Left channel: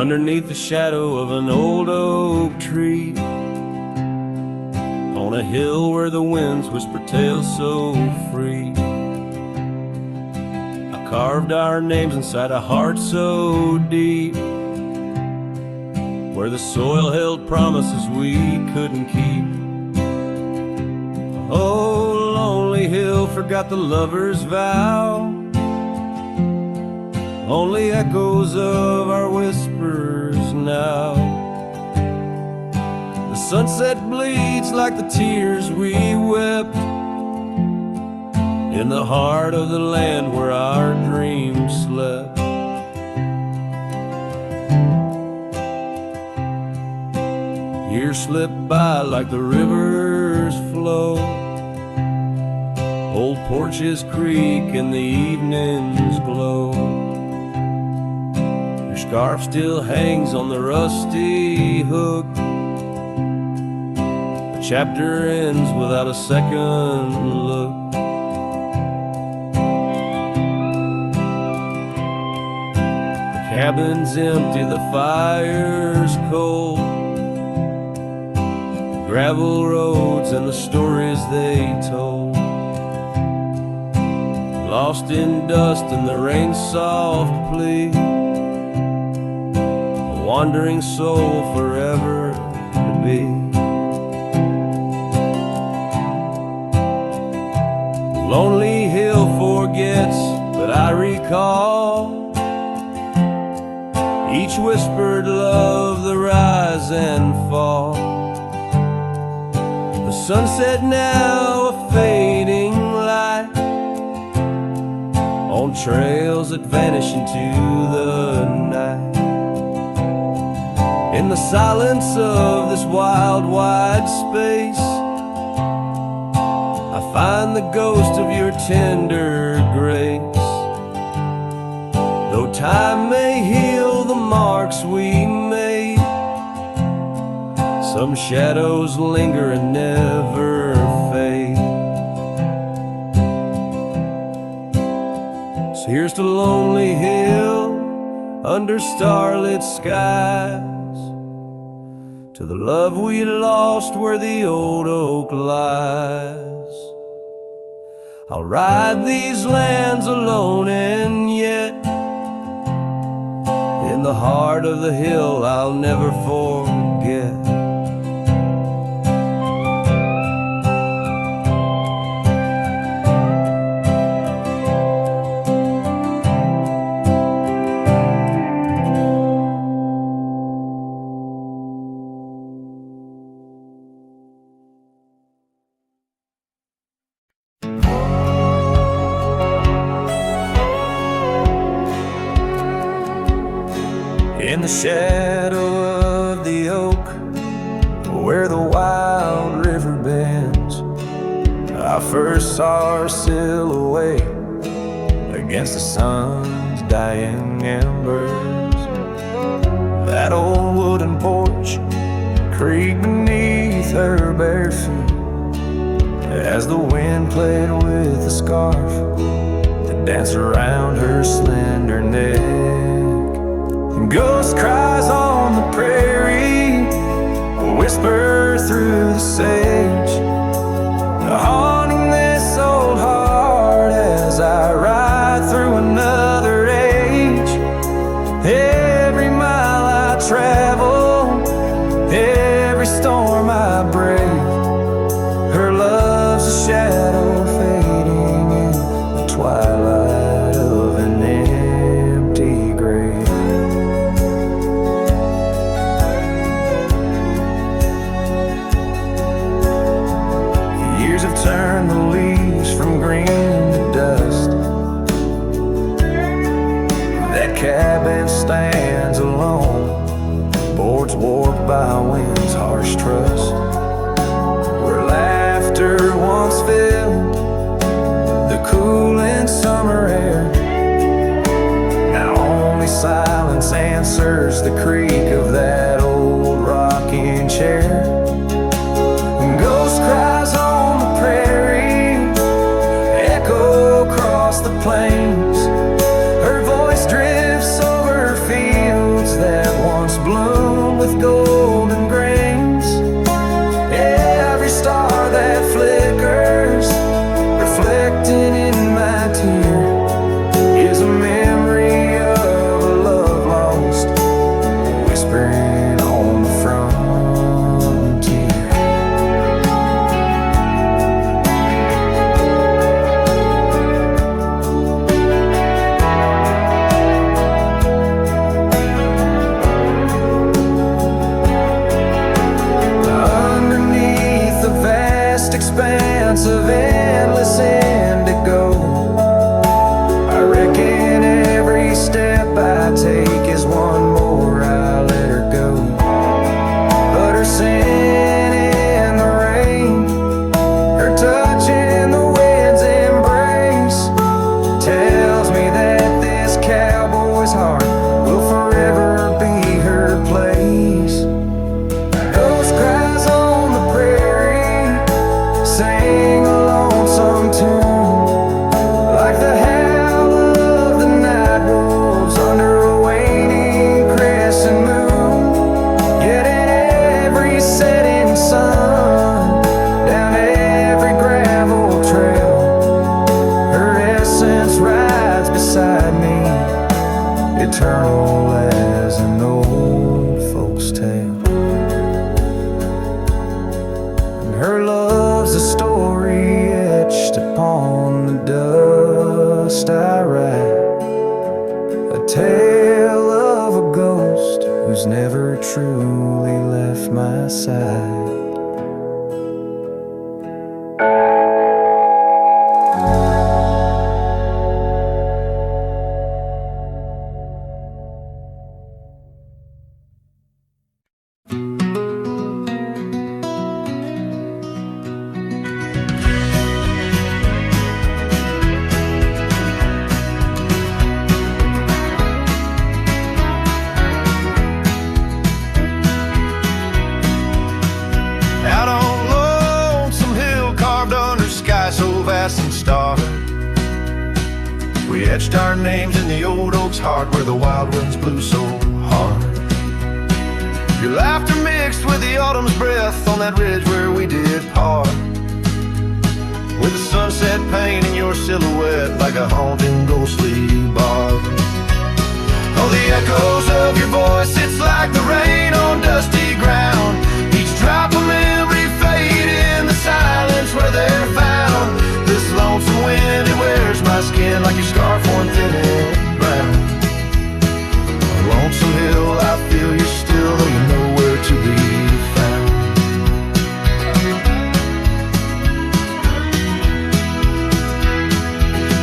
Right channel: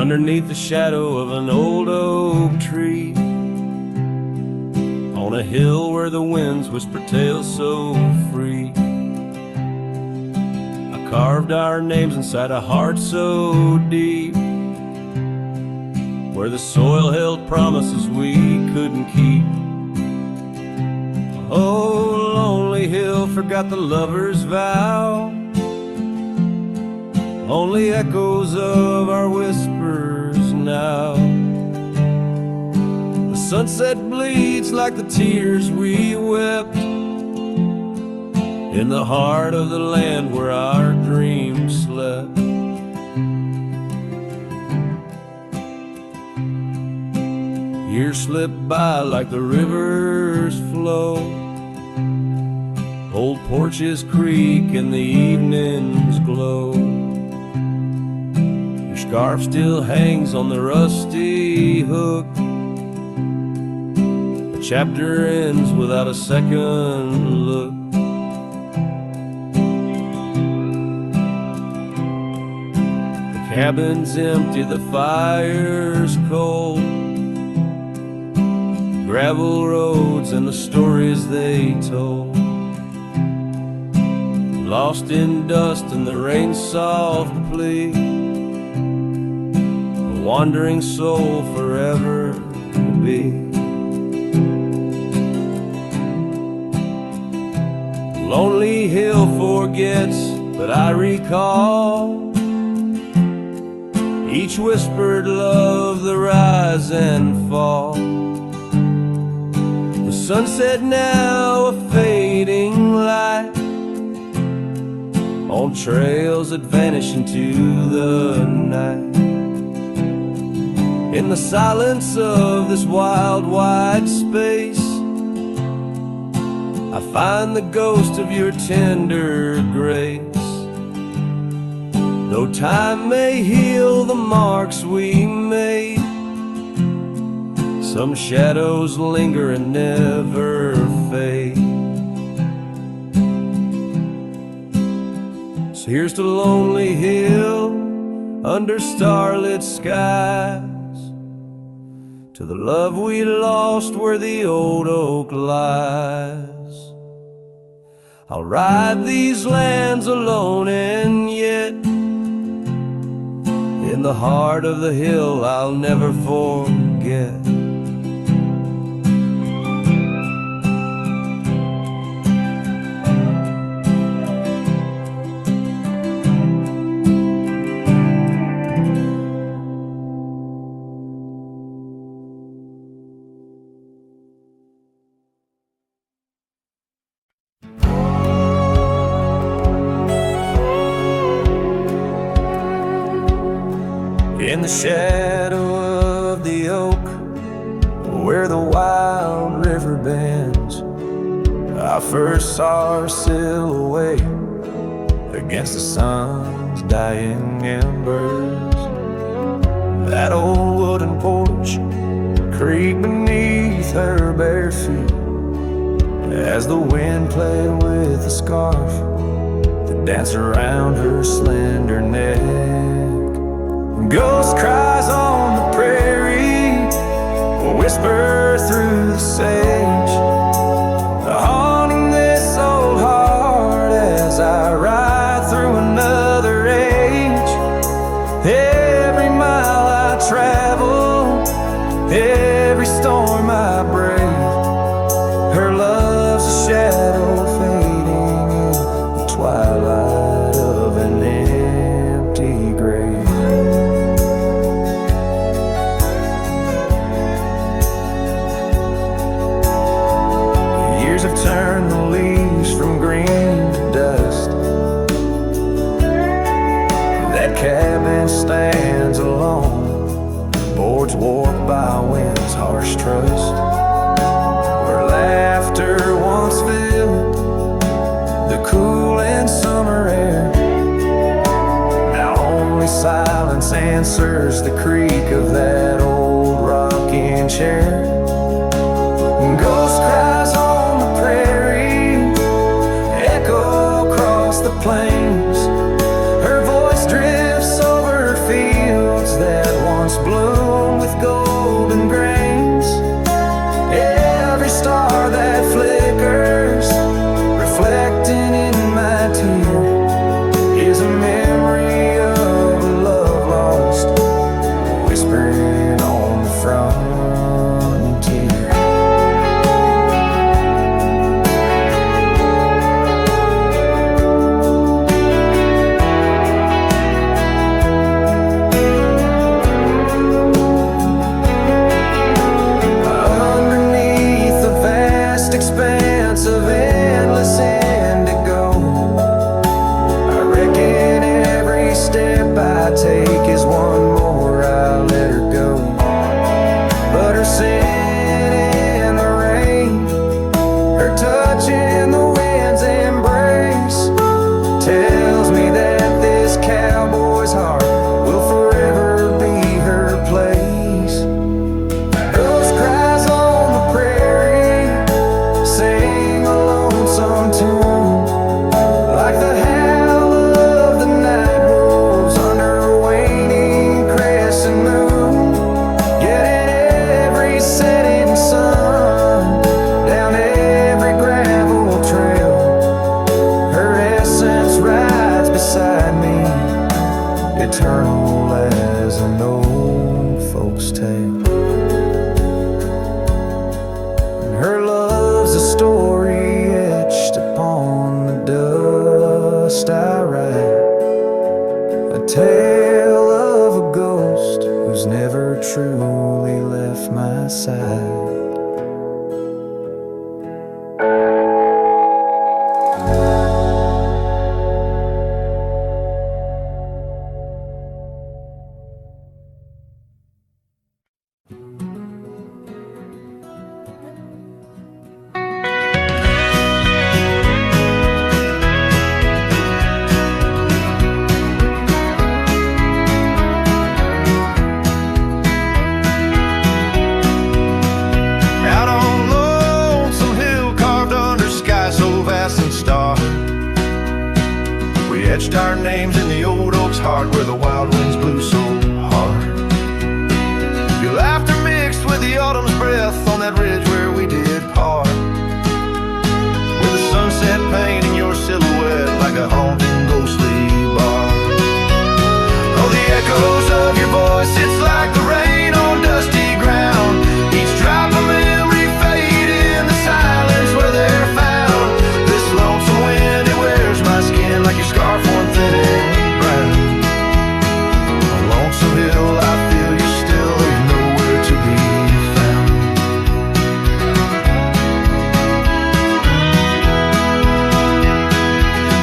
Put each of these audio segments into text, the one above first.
underneath the shadow of an old oak tree, on a hill where the winds whisper tales so free. I carved our names inside a heart so deep, where the soil held promises we couldn't keep. Oh, lonely hill forgot the lover's vow, only echoes of our whispers now. The sunset bleeds like the tears we wept in the heart of the land where our dreams slept. Years slip by like the rivers flow, old porches creak and the evenings glow. Your scarf still hangs on the rusty hook, the chapter ends without a second look. The cabin's empty, the fire's cold, gravel roads and the stories they told, lost in dust and the rain's soft plea, a wandering soul forever to be. Lonely hill forgets, but I recall each whispered love, the rise and fall. The sunset now a fading light on trails that vanish into the night. In the silence of this wild, wide space, I find the ghost of your tender grace. Though time may heal the marks we made, some shadows linger and never fade. So here's to Lonely Hill under starlit skies, to the love we lost where the old oak lies. I'll ride these lands alone, and yet in the heart of the hill I'll never forget. In the shadow of the oak, where the wild river bends, I first saw her silhouette against the sun's dying embers. That old wooden porch creaked beneath her bare feet as the wind played with the scarf that danced around her slender neck. Ghost cries on the prairie whisper through the sage, haunting this old heart as I ride through another age. Every mile I travel, every storm I brave, her love's a shadow fading in the twilight of an empty grave. Years have turned the leaves from green to dust. That cabin stands alone, boards warped by wind's harsh trust. Where laughter once filled the cooling summer air, now only silence answers the creak of that old rocking chair. Ghost cries on the prairie echo across the plains, Her voice drifts over fields that once bloomed with golden grains. Every star that flickers, reflecting in my tear, is a memory of a love lost, whispering on the frontier. Underneath the vast expanse of endless indigo, I reckon every step I take is one more I let her go. But her scent in the rain, her touch in the wind's embrace, tells me that this cowboy's heart will forever be her place. Ghost cries on the prairie, sing a lonesome tune, like the howl of the night wolves under a waning crescent moon. Yet in every setting sun, down every gravel trail, her essence rides beside me, eternal as an old folk's tale. And her love's a story etched upon the dust I write, a tale of a ghost who's never truly left my side. We etched our names in the old oak's heart where the wild winds blew so hard. Your laughter mixed with the autumn's breath on that ridge where we did part, with the sunset painting your silhouette like a haunting ghostly bar. Oh, the echoes of your voice, it's like the rain on dusty ground, each drop of memory fade in the silence where they're found. This lonesome wind, it wears my skin like your scarf worn thin and brown. On Lonesome Hill, I feel you're still, though you're nowhere to be found.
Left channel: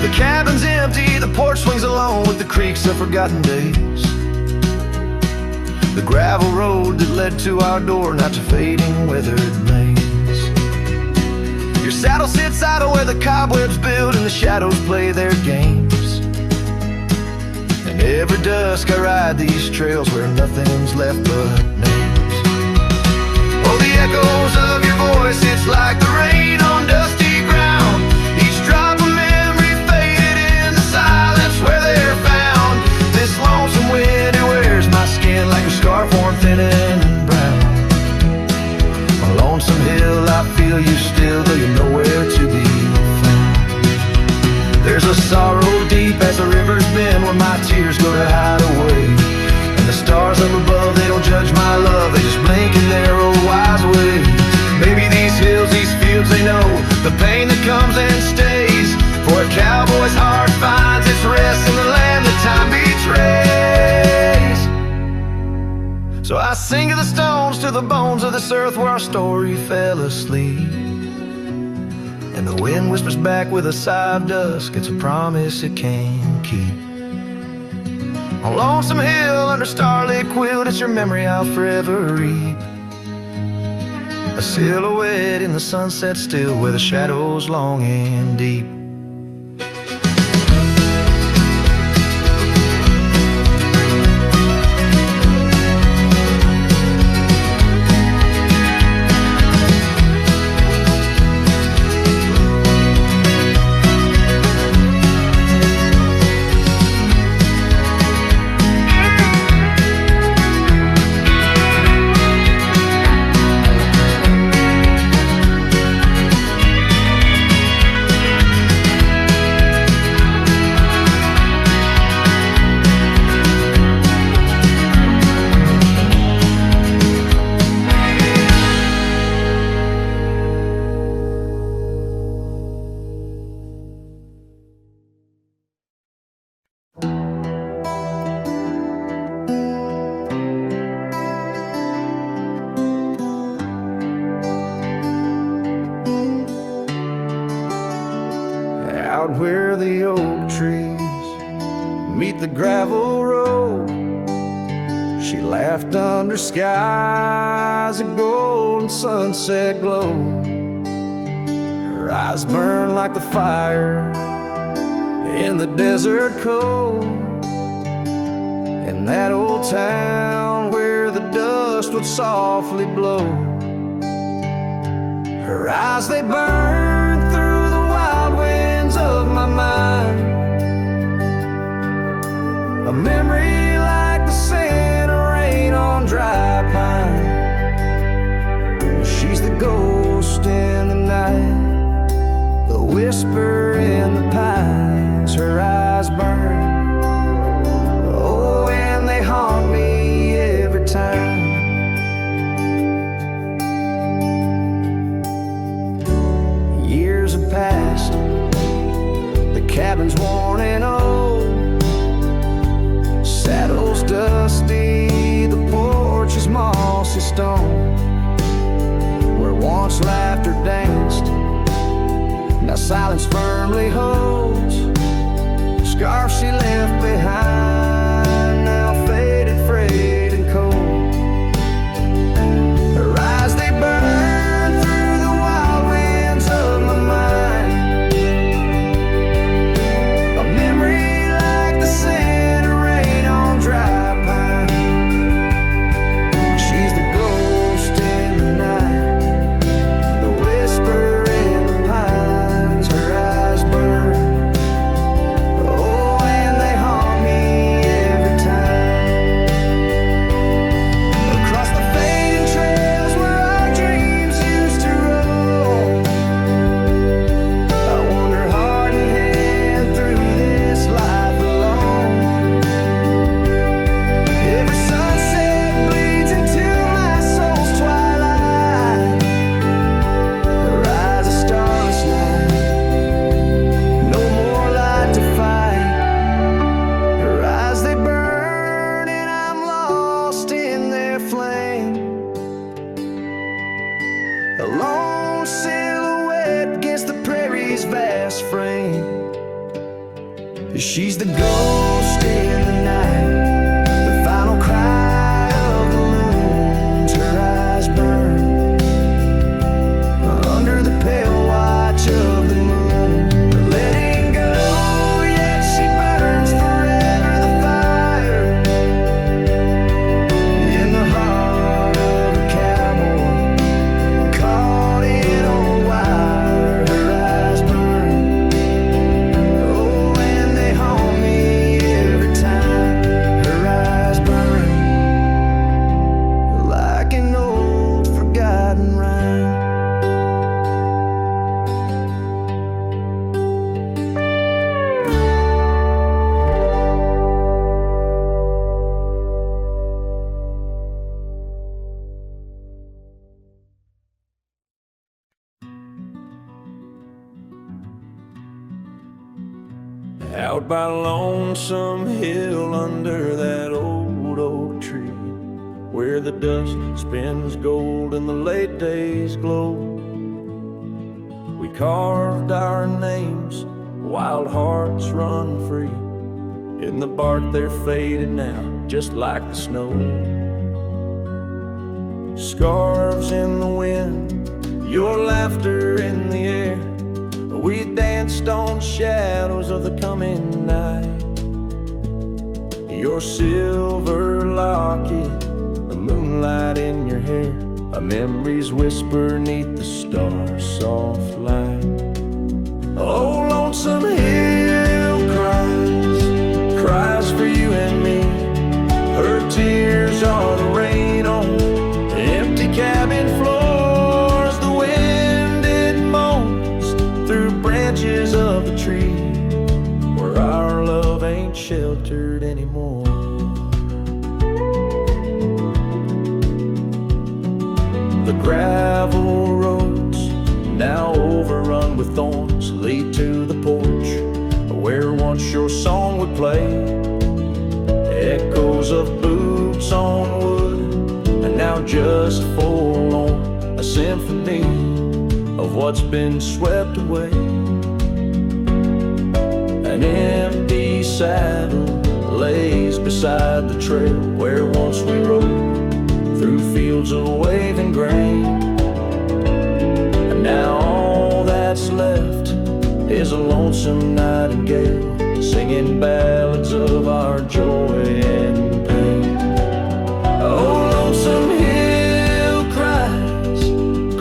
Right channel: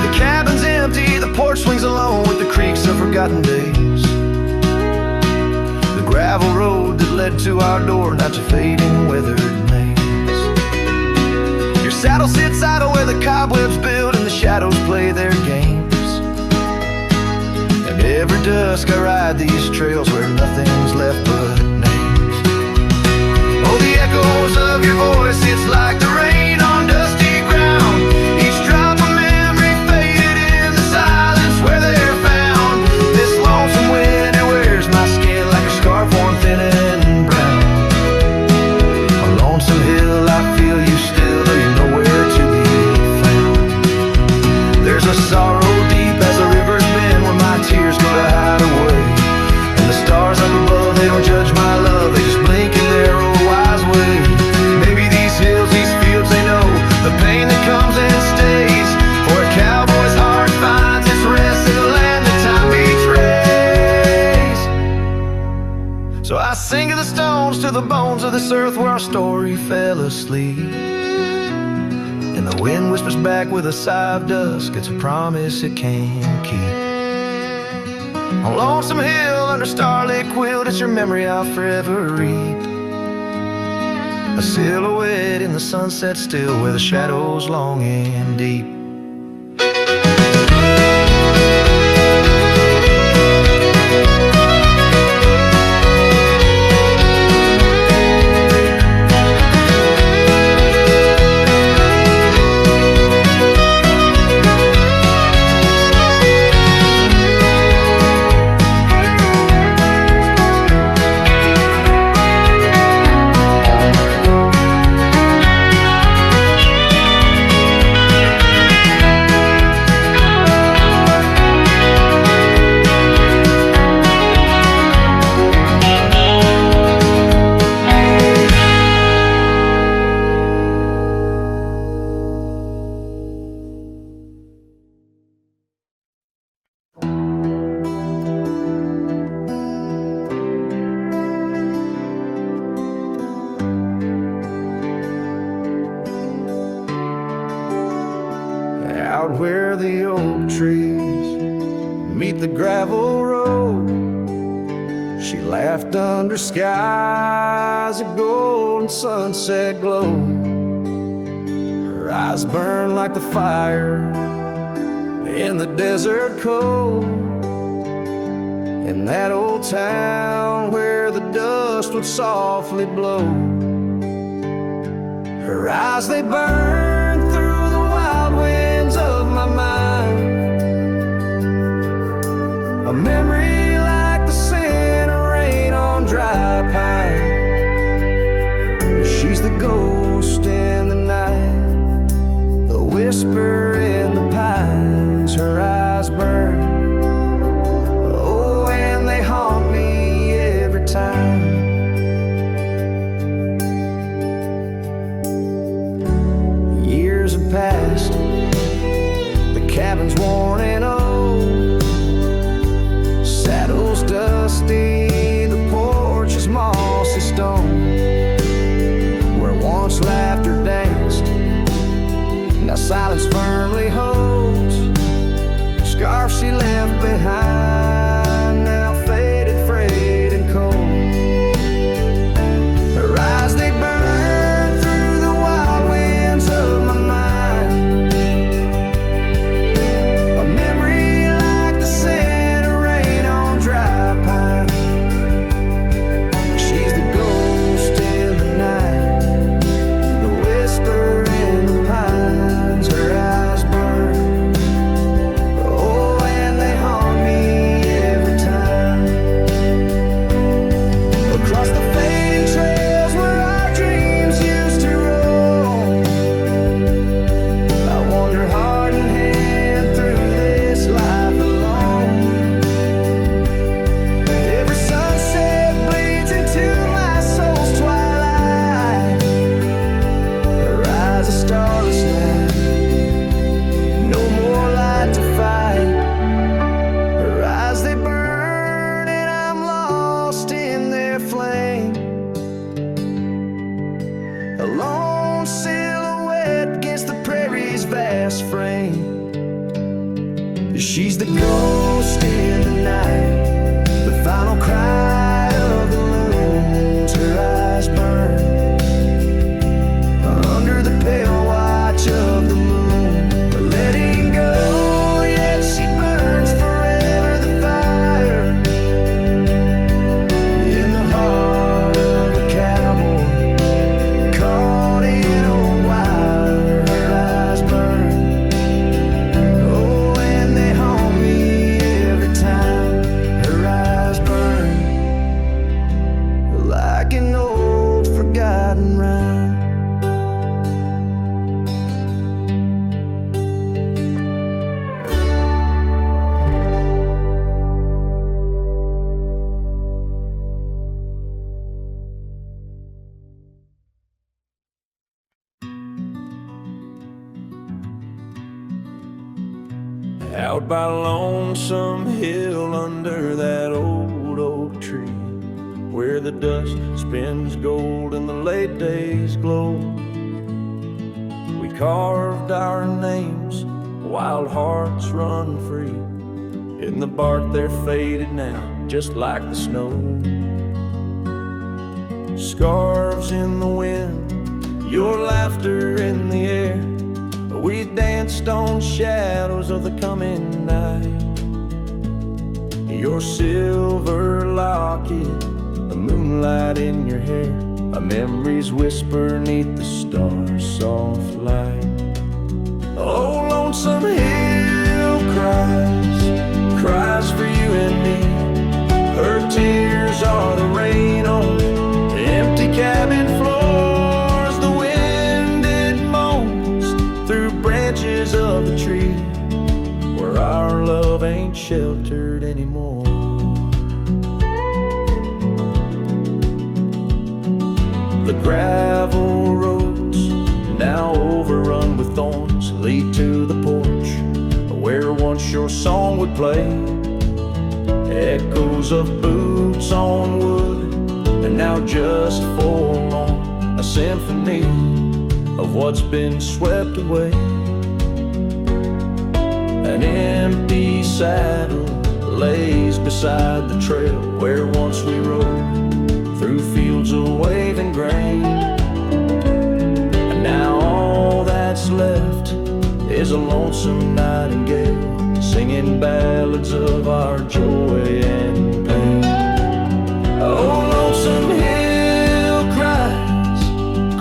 The cabin's empty, the porch swings alone with the creaks of forgotten days. The gravel road that led to our door, now it's a fading, weathered maze. Your saddle sits idle where the cobwebs build and the shadows play their games. And every dusk I ride these trails where nothing's left but names. Oh, the echoes of your voice, it's like the rain on dusty ground, each drop of memory faded in the silence where they're found. This lonesome wind, it wears my skin like a scarf worn thin and brown. On Lonesome Hill, I feel you still, though you're nowhere to be found. There's a sorrow deep as the rivers bend when my tears go to hide away. And the stars up above, they don't judge my love, they just blink in their old wise way. Maybe these hills, these fields, they know the pain that comes and stays. For a cowboy's heart finds its rest in the land that time betrays. So I sing to the stones, to the bones of this earth where our story fell asleep. And the wind whispers back with a sigh of dusk, it's a promise it can't keep. On Lonesome Hill, under starlit quilt, it's your memory I'll forever reap. A silhouette in the sunset still, where the shadows long and deep. out where the oak trees meet the gravel road. She laughed under skies of gold and sunset glow. Her eyes burned like the fire in the desert cold. In that old town where the dust would softly blow. Her eyes, they burn through the wild winds of my mind. A memory like the scent of rain on dry pine. She's the ghost in the night, the whisper in the pines. Her eyes burn, oh, and they haunt me every time. Years have passed, the cabin's worn and old, saddle's dusty, the porch is mossy stone. Where once laughter danced, now silence firmly holds. Scarf she left behind, now faded, frayed and cold. Her eyes, they burn through the wild winds of my mind. A memory like the scent of rain on dry pine. She's the ghost in the night, the whisper in the pines. Her eyes burn, oh, and they haunt me every time. Across the fading trails where our dreams used to roam, I wander heart in hand through this life alone. Every sunset bleeds into my soul's twilight. There rises a starless night, no more light to fight. Her eyes, they burn and I'm lost in their flame. A lone silhouette against the prairie's vast frame. She's the ghost in the night, the final cry of the loons. Her eyes burn under the pale watch of the moon. Letting go, yet she burns forever. The fire in the heart of a cowboy caught in old wire. Her eyes burn, oh, and they haunt me every time. Her eyes burn like an old forgotten rhyme. Out by Lonesome Hill under that old oak tree, where the dust spins gold and the late days glow, we carved our names, wild hearts run free. In the bark they're faded now, just like the snow. Scarves in the wind, your laughter in the air. We danced on shadows of the coming night. Your silver locket, the moonlight in your hair, a memory's whisper neath the stars' soft light. Oh, Lonesome Hill cries, cries for you and me. Her tears are the rain on empty cabin floors. The wind, it moans through branches of the tree, where our love ain't sheltered anymore. The gravel roads, now overrun with thorns, lead to the porch where once your song would play. Echoes of boots on wood, and now just forlorn, a symphony of what's been swept away. An empty saddle lays beside the trail where once we rode through fields of waving grain. And now all that's left is a lonesome nightingale singing ballads of our joy and pain. Oh, lonesome hill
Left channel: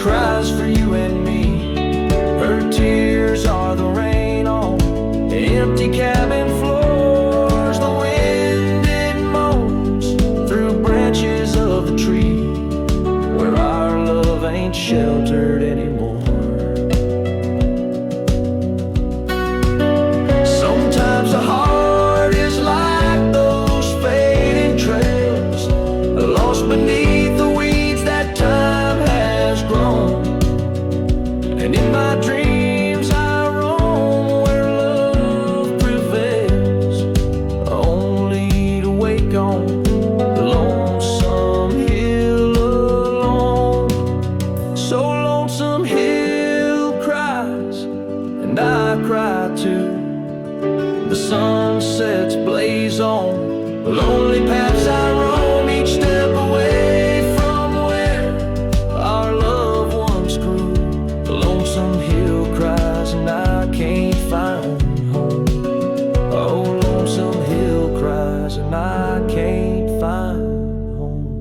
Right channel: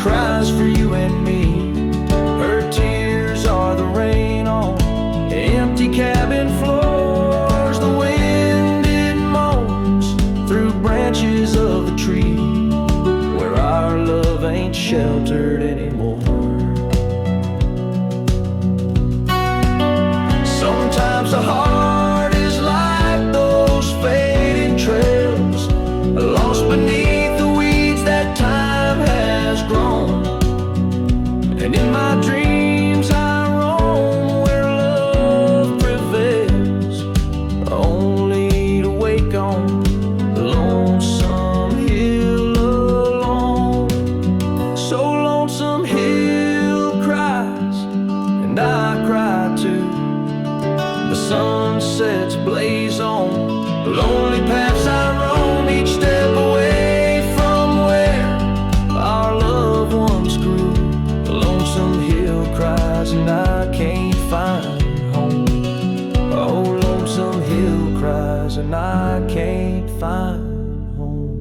cries for you and me. Her tears are the rain on empty cabin floors. The wind, it moans through branches of the tree where our love ain't sheltered anymore. Sometimes the heart is like those fading trails, lost beneath the weeds that time has grown. And in my dreams I roam where love prevails, only to wake on the lonesome hill alone. So lonesome hill cries, and I cry too. The sunsets blaze on the lonely paths I roam, each step away from where our love once grew. The lonesome hill cries and I can't find home. Oh, lonesome hill cries and I can't find home.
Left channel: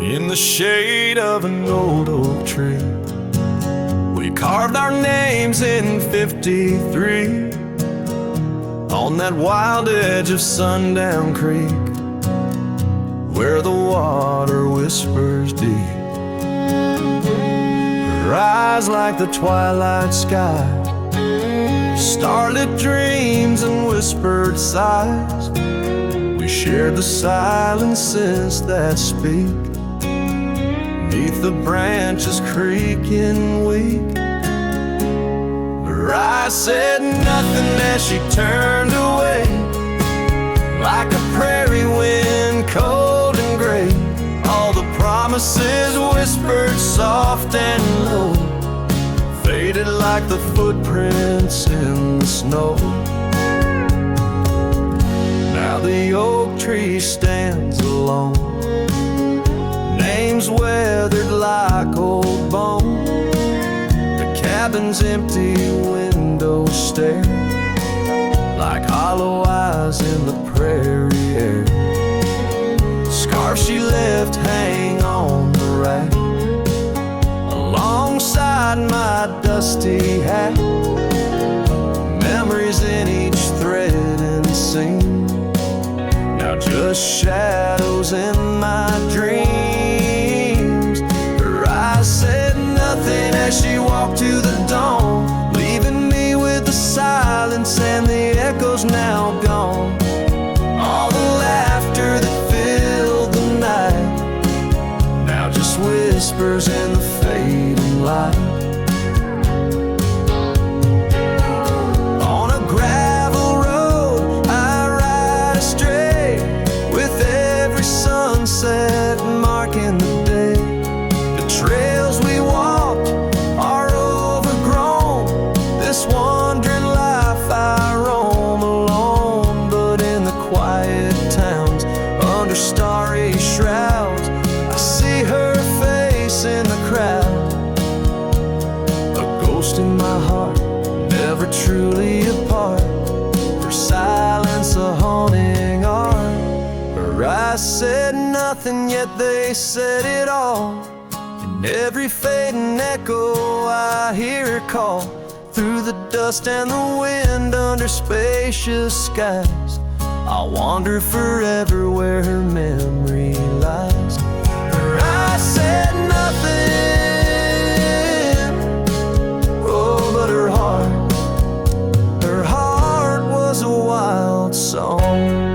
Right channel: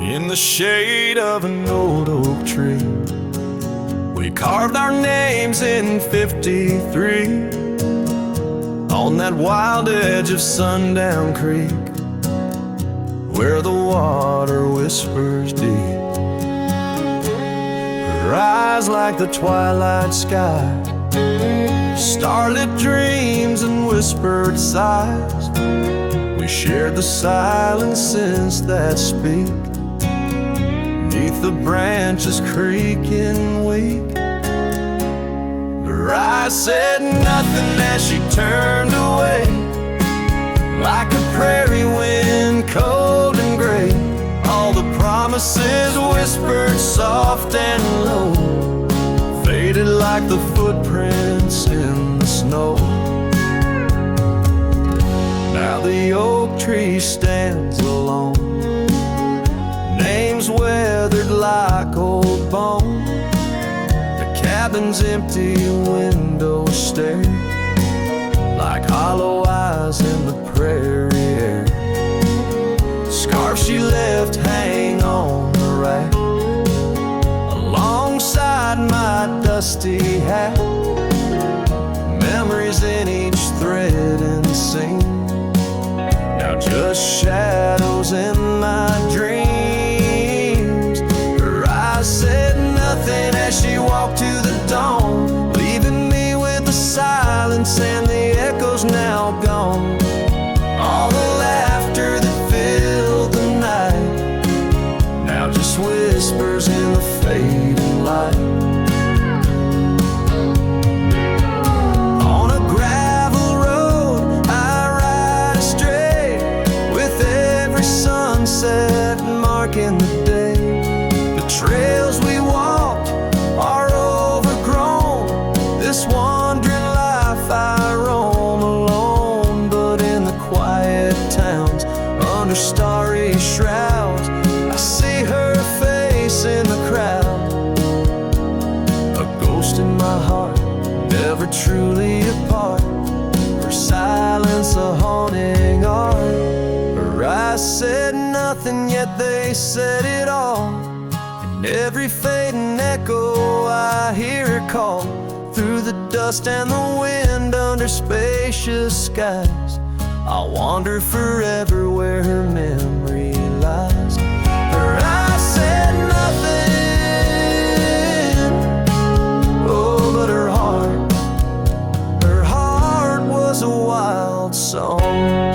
In the shade of an old oak tree, we carved our names in 53 on that wild edge of Sundown Creek, where the water whispers deep. Her eyes like the twilight sky, starlit dreams and whispered sighs. We shared the silences that speak beneath the branches creaking weak. Her eyes said nothing as she turned away, like a prairie wind, cold and gray. All the promises whispered soft and low faded like the footprints in the snow. Now the oak tree stands alone, names weathered like old bone. The cabin's empty windows stare like hollow eyes in the prairie air. Scarf she left hang on the rack alongside my dusty hat. Memories in each thread and seam, now just shadows in my dreams. Her eyes said nothing as she walked to the dawn, leaving me with the silence and the echoes now gone. All the laughter that filled the night now just whispers in the fading light. On a gravel road I ride astray, with every sunset marking the day. The trails we walked are overgrown, this wandering life I roam alone. But in the quiet towns under starry shrouds, I see her face in the crowd, a ghost in my heart, never truly apart. Her silence a haunting art. Her eyes said nothing, yet they said it all. In every fading echo I hear her call, through the dust and the wind under spacious skies. I'll wander forever where her memory lies. Her eyes said nothing, oh, but her heart was a wild song.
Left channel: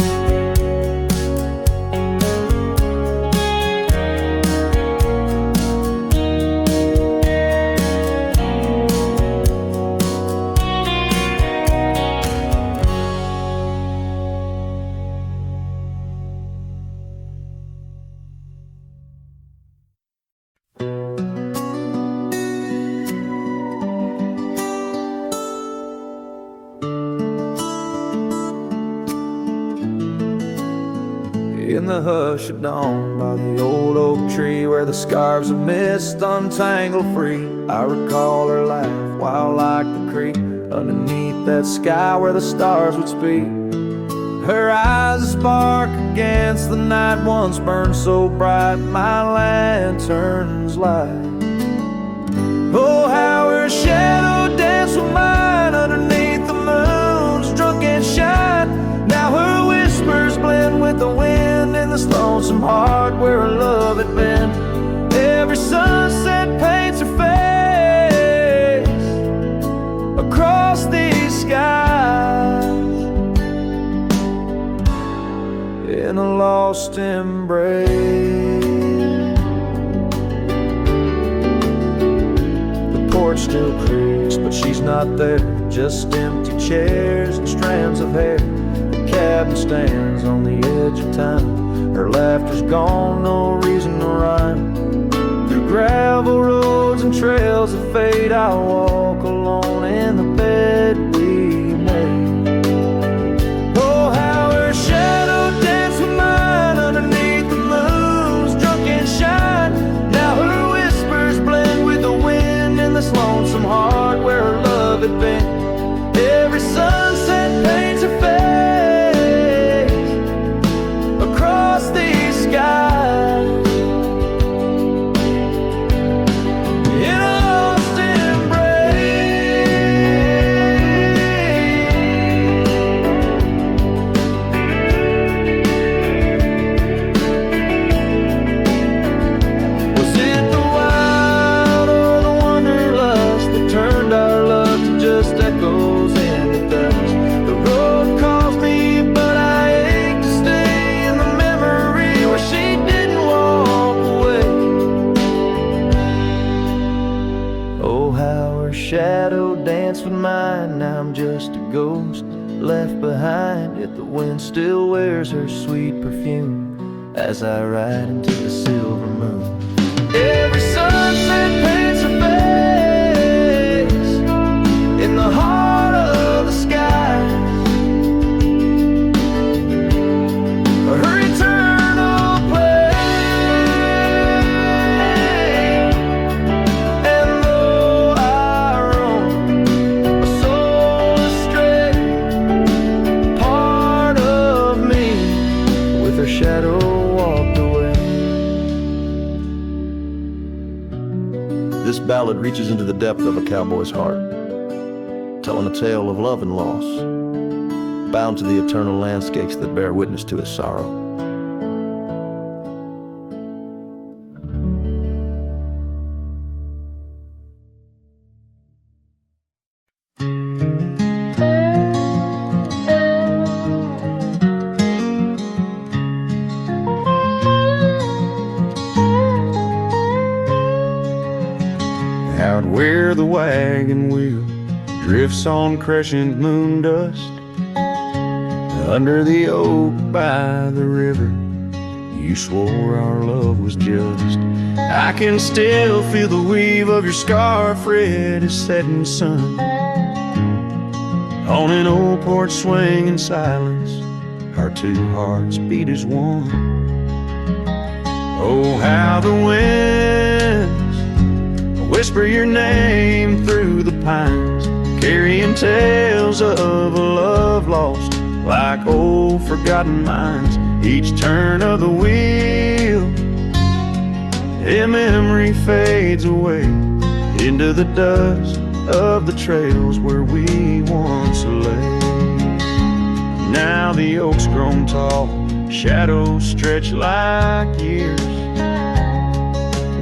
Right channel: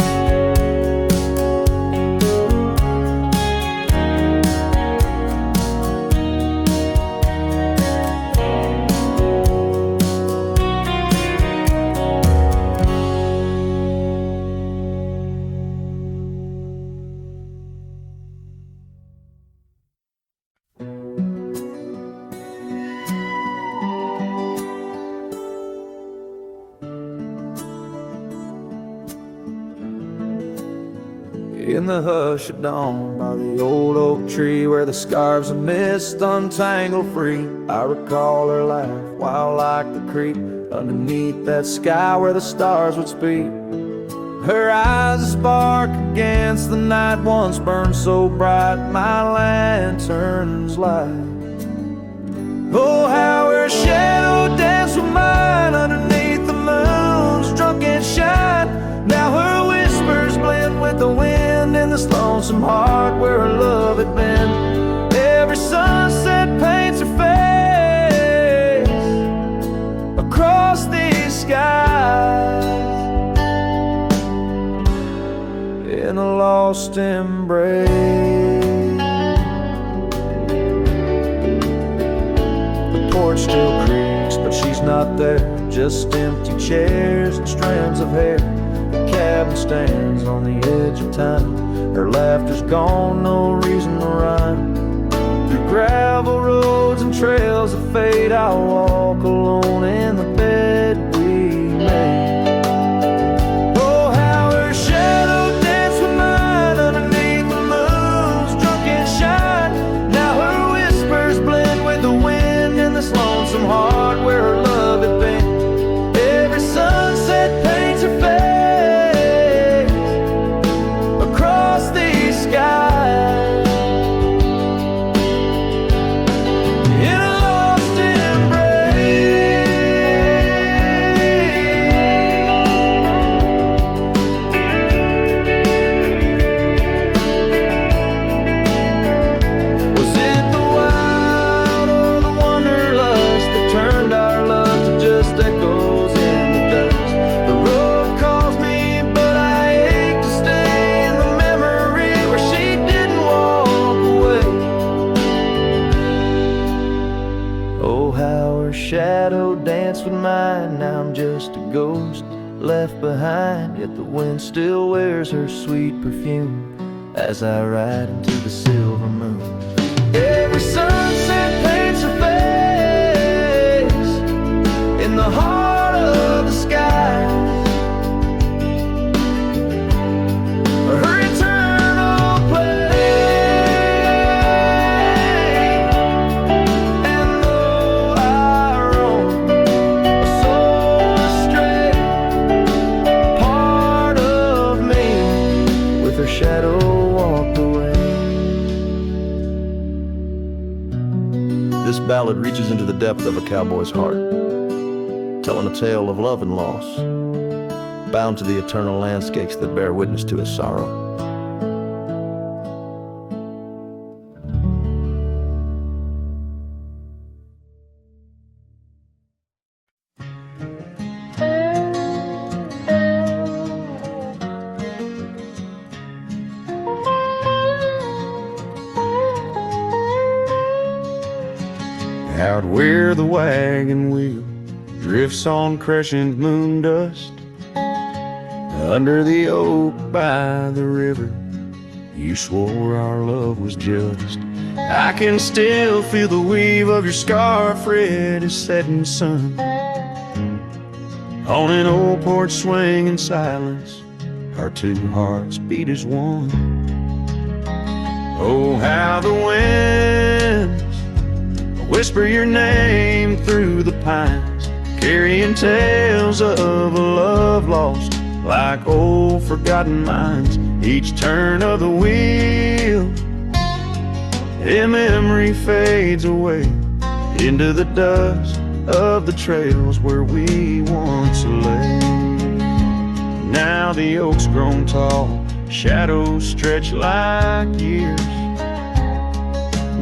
In the hush of dawn, by the old oak tree, where the scarves of mist untangle free, I recall her laugh, wild like the creek, underneath that sky where the stars would speak. Her eyes a spark against the night, once burned so bright my lantern's light. Oh, how her shadow danced with mine underneath the moon's drunken shine. Now her whispers blend with the wind in this lonesome heart where her love had been. Every sunset paints her face across these skies in a lost embrace. The porch still creaks, but she's not there. Just empty chairs and strands of hair. The cabin stands on the edge of time. Her laughter's gone, no reason to rhyme. Through gravel roads and trails that fade, I'll walk alone in the bed we made. Oh, how her shadow danced with mine underneath the moon's drunken shine. Now her whispers blend with the wind in this lonesome heart where her love had been. Every sunset paints her face across these skies in a lost embrace. Was it the wild or the wanderlust that turned our love to just echoes in the dust? The road calls me, but I ache to stay in the memory where she didn't walk away. Oh, how her shadow danced with mine. Now I'm just a ghost left behind, yet the wind still wears her sweet perfume as I ride into the silver moon. Every sunset paints her face in the heart of the skies. Her eternal play. And though I roam a soul astray, part of me with her shadow walked away. This ballad reaches into the depth of a cowboy's heart, telling a tale of love and loss, bound to the eternal landscapes that bear witness to his sorrow. Out where the wagon wheel drifts on crescent moon dust, under the oak by the river, you swore our love was just. I can still feel the weave of your scarf red as setting sun. On an old porch swing in silence, our two hearts beat as one. Oh, how the winds whisper your name through the pines, carrying tales of a love lost like old forgotten mines. Each turn of the wheel, a memory fades away into the dust of the trails where we once lay. Now the oak's grown tall, shadows stretch like years,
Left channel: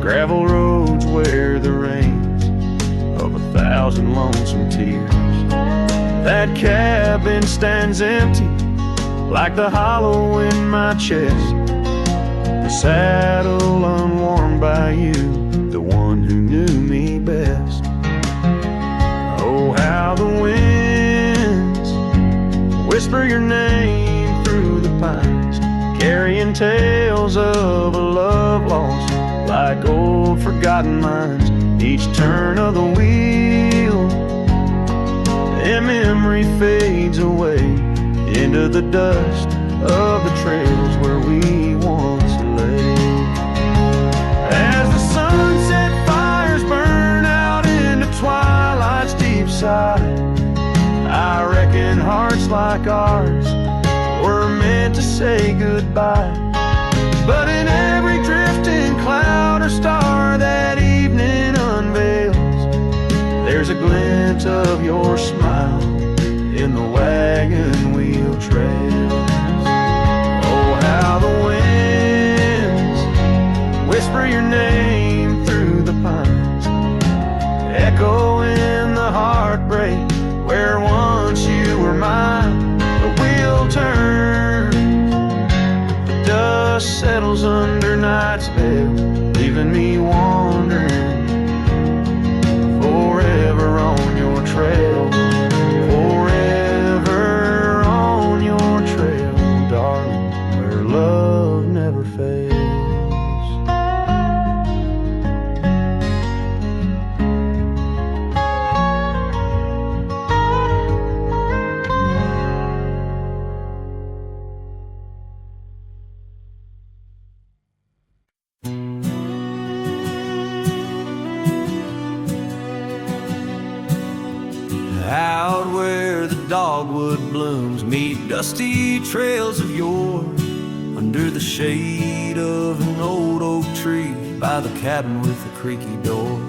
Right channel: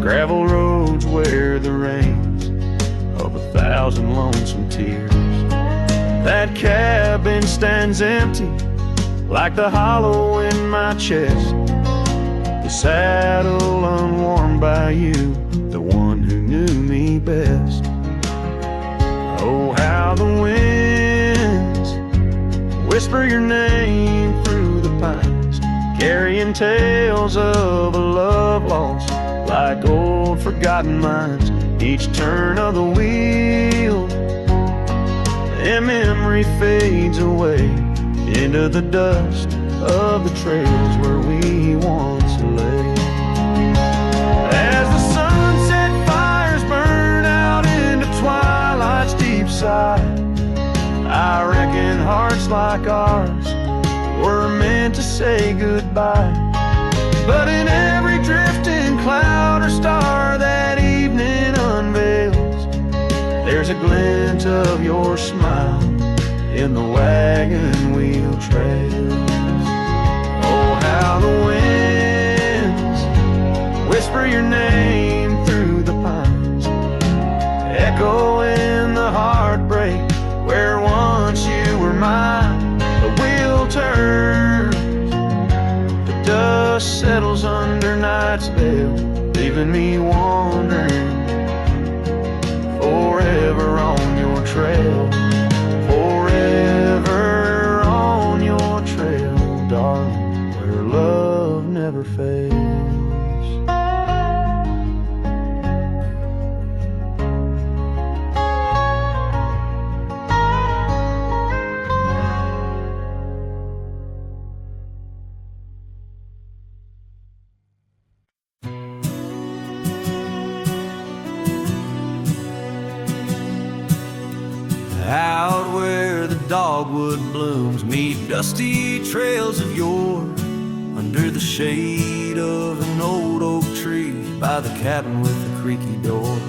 gravel roads wear the rains of 1,000 lonesome tears. That cabin stands empty like the hollow in my chest, the saddle unwarmed by you, the one who knew me best. Oh, how the winds whisper your name through the pines, carrying tales of a love lost like old forgotten mines. Each turn of the wheel, a memory fades away into the dust of the trails where we once lay. As the sunset fires burn out into twilight's deep side, I reckon hearts like ours were meant to say goodbye. But in every drifting cloud or star that evening unveils, there's a glint of your smile in the wagon wheel trails. Oh, how the winds whisper your name through the pines, echoing the heartbreak where once you were mine. The wheel turns, the dust settles under night's veil, leaving me wandering forever on your trail. Forever on your trail, darling, where love never fails. Out where the dogwood blooms meet dusty trails of yore, under the shade of an old oak tree by the cabin with the creaky door.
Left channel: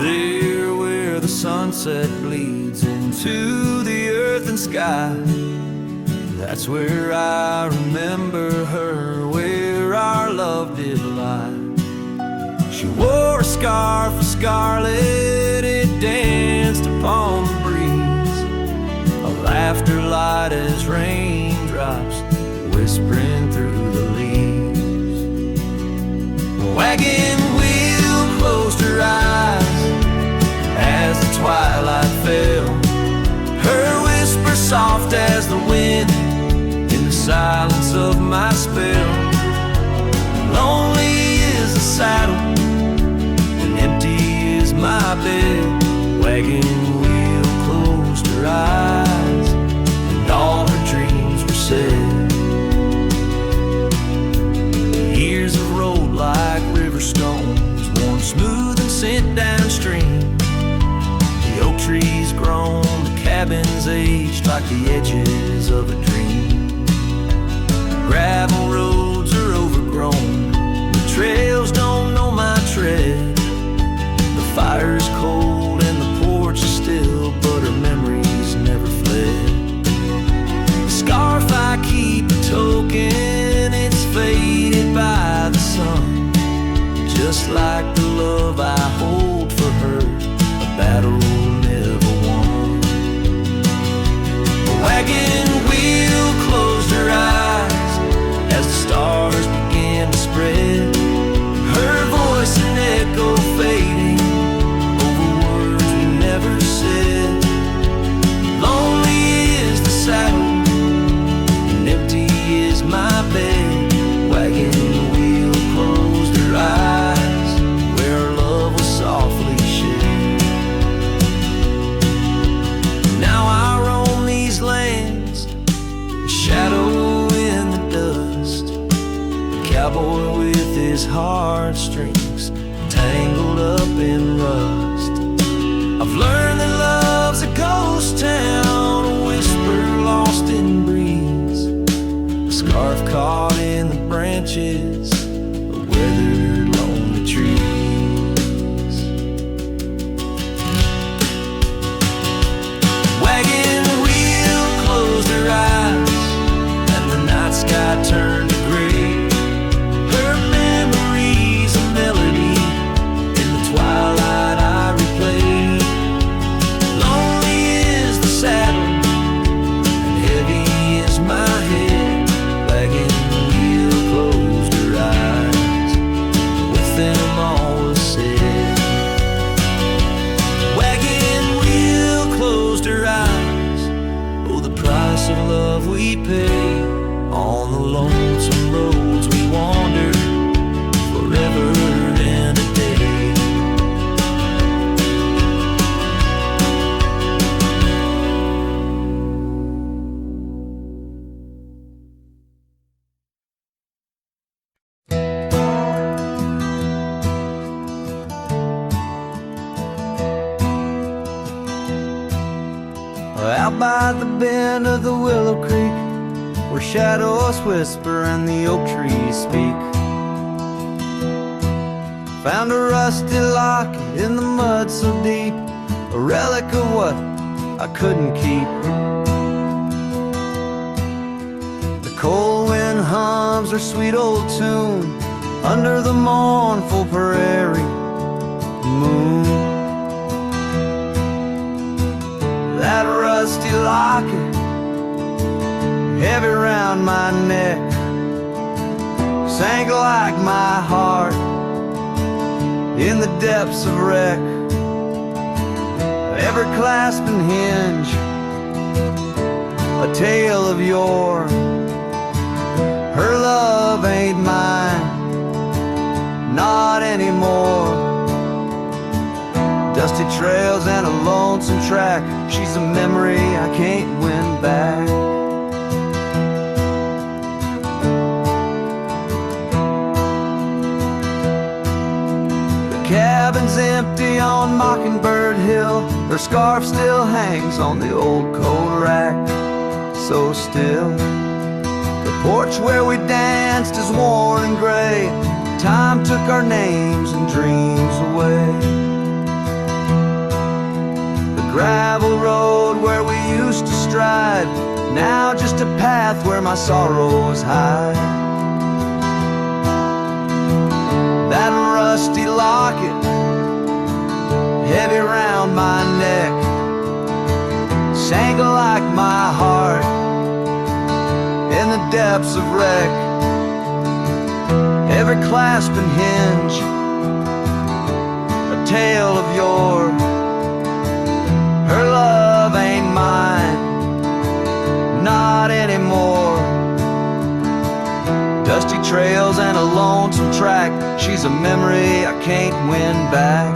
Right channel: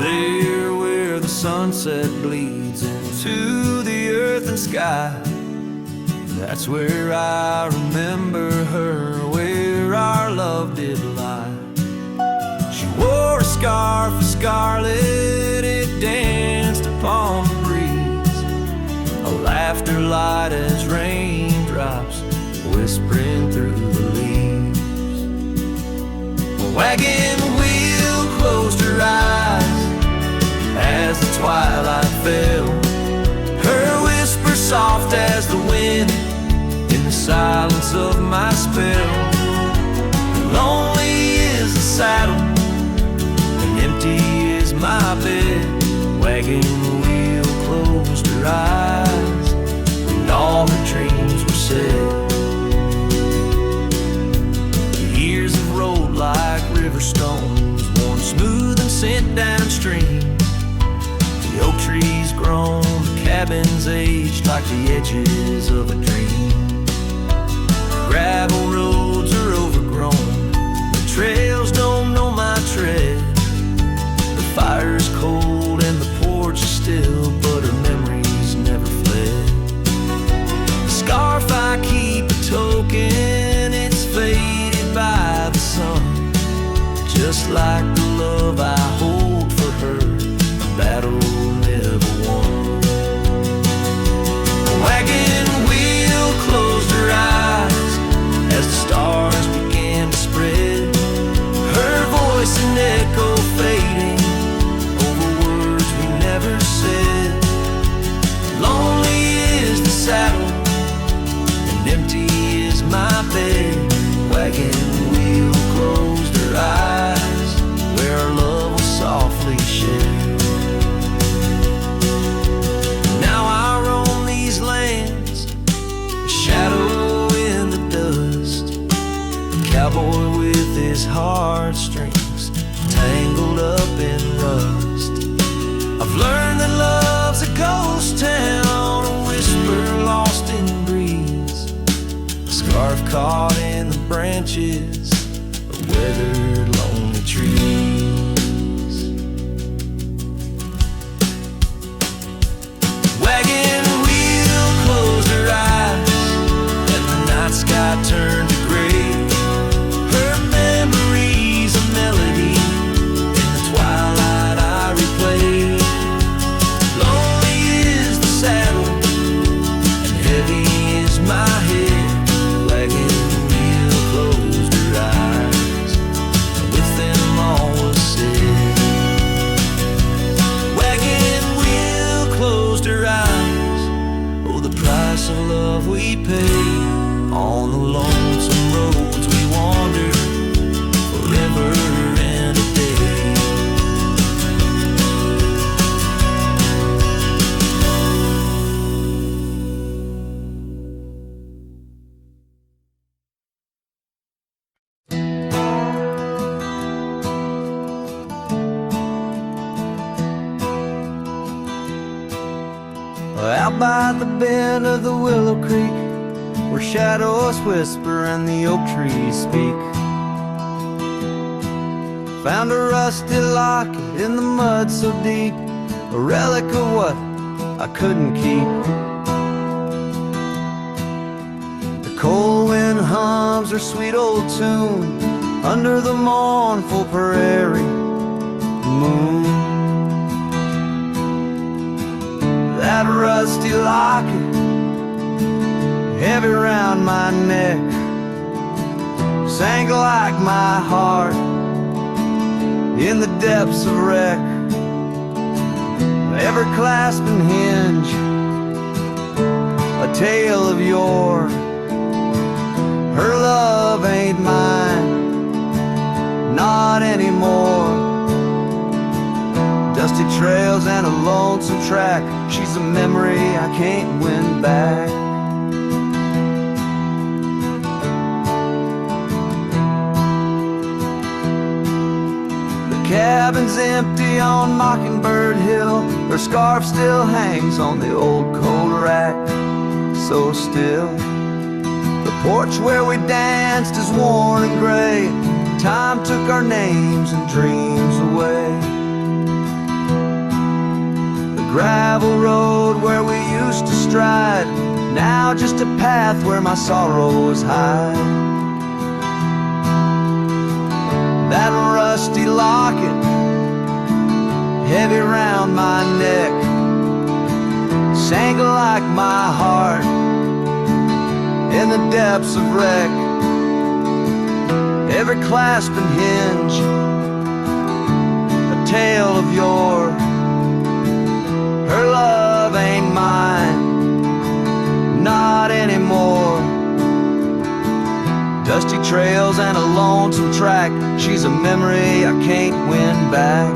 There where the sunset bleeds into the earth and sky, that's where I remember her, where our love did lie. She wore a scarf of scarlet, it danced upon the breeze, a laughter light as raindrops whispering through the leaves. The wagon wheel closed her eyes as the twilight fell, her whisper soft as the wind in the silence of my spell. Lonely is the saddle, empty is my bed. Wagon wheel closed her eyes and all her dreams were said. The years have rolled like river stones, worn smooth and sent downstream. The oak trees grown, the cabins aged like the edges of a dream. Gravel roads are overgrown, the trails don't know my tread. The fire's cold and the porch is still, but her memories never fled. The scarf I keep a token, it's faded by the sun, just like the love I hold for her, a battle never won. The wagon wheel closed her eyes as the stars began to spread, her voice an echo fading over words we never said. Lonely is the saddle and empty is my bed. Wagon wheel closed her eyes where our love was softly shed. Now I roam these lands, a shadow in the dust, a cowboy with his heartstrings tangled up in rust. I've learned that love's a ghost town, a whisper lost in breeze, a scarf caught in the branches of weathered lonely trees. Wagon wheel closed her eyes and the night sky turned to gray, her memories a melody in the twilight I replay. Lonely is the saddle and heavy is my head. Wagon wheel closed her eyes and with them all was said. Wagon wheel closed her eyes, oh the price of love we pay on the lonesome roads we wander forever and a day. Out by the bend of the Willow Creek, where shadows whisper and the oak trees speak, found a rusty locket in the mud so deep, a relic of what I couldn't keep. The cold wind hums her sweet old tune under the mournful prairie moon. That rusty locket, heavy round my neck, sank like my heart in the depths of wreck. Ever clasping hinge, a tale of yore. Her love ain't mine, not anymore. Dusty trails and a lonesome track, she's a memory I can't win back. The cabin's empty on Mockingbird Hill, her scarf still hangs on the old coat rack, so still. The porch where we danced is worn and gray, time took our names and dreams away. Gravel road where we used to stride, now just a path where my sorrows hide. That rusty locket, heavy round my neck, sank like my heart in the depths of wreck. Every clasp and hinge, a tale of yore. Her love ain't mine, not anymore. Dusty trails and a lonesome track, she's a memory I can't win back.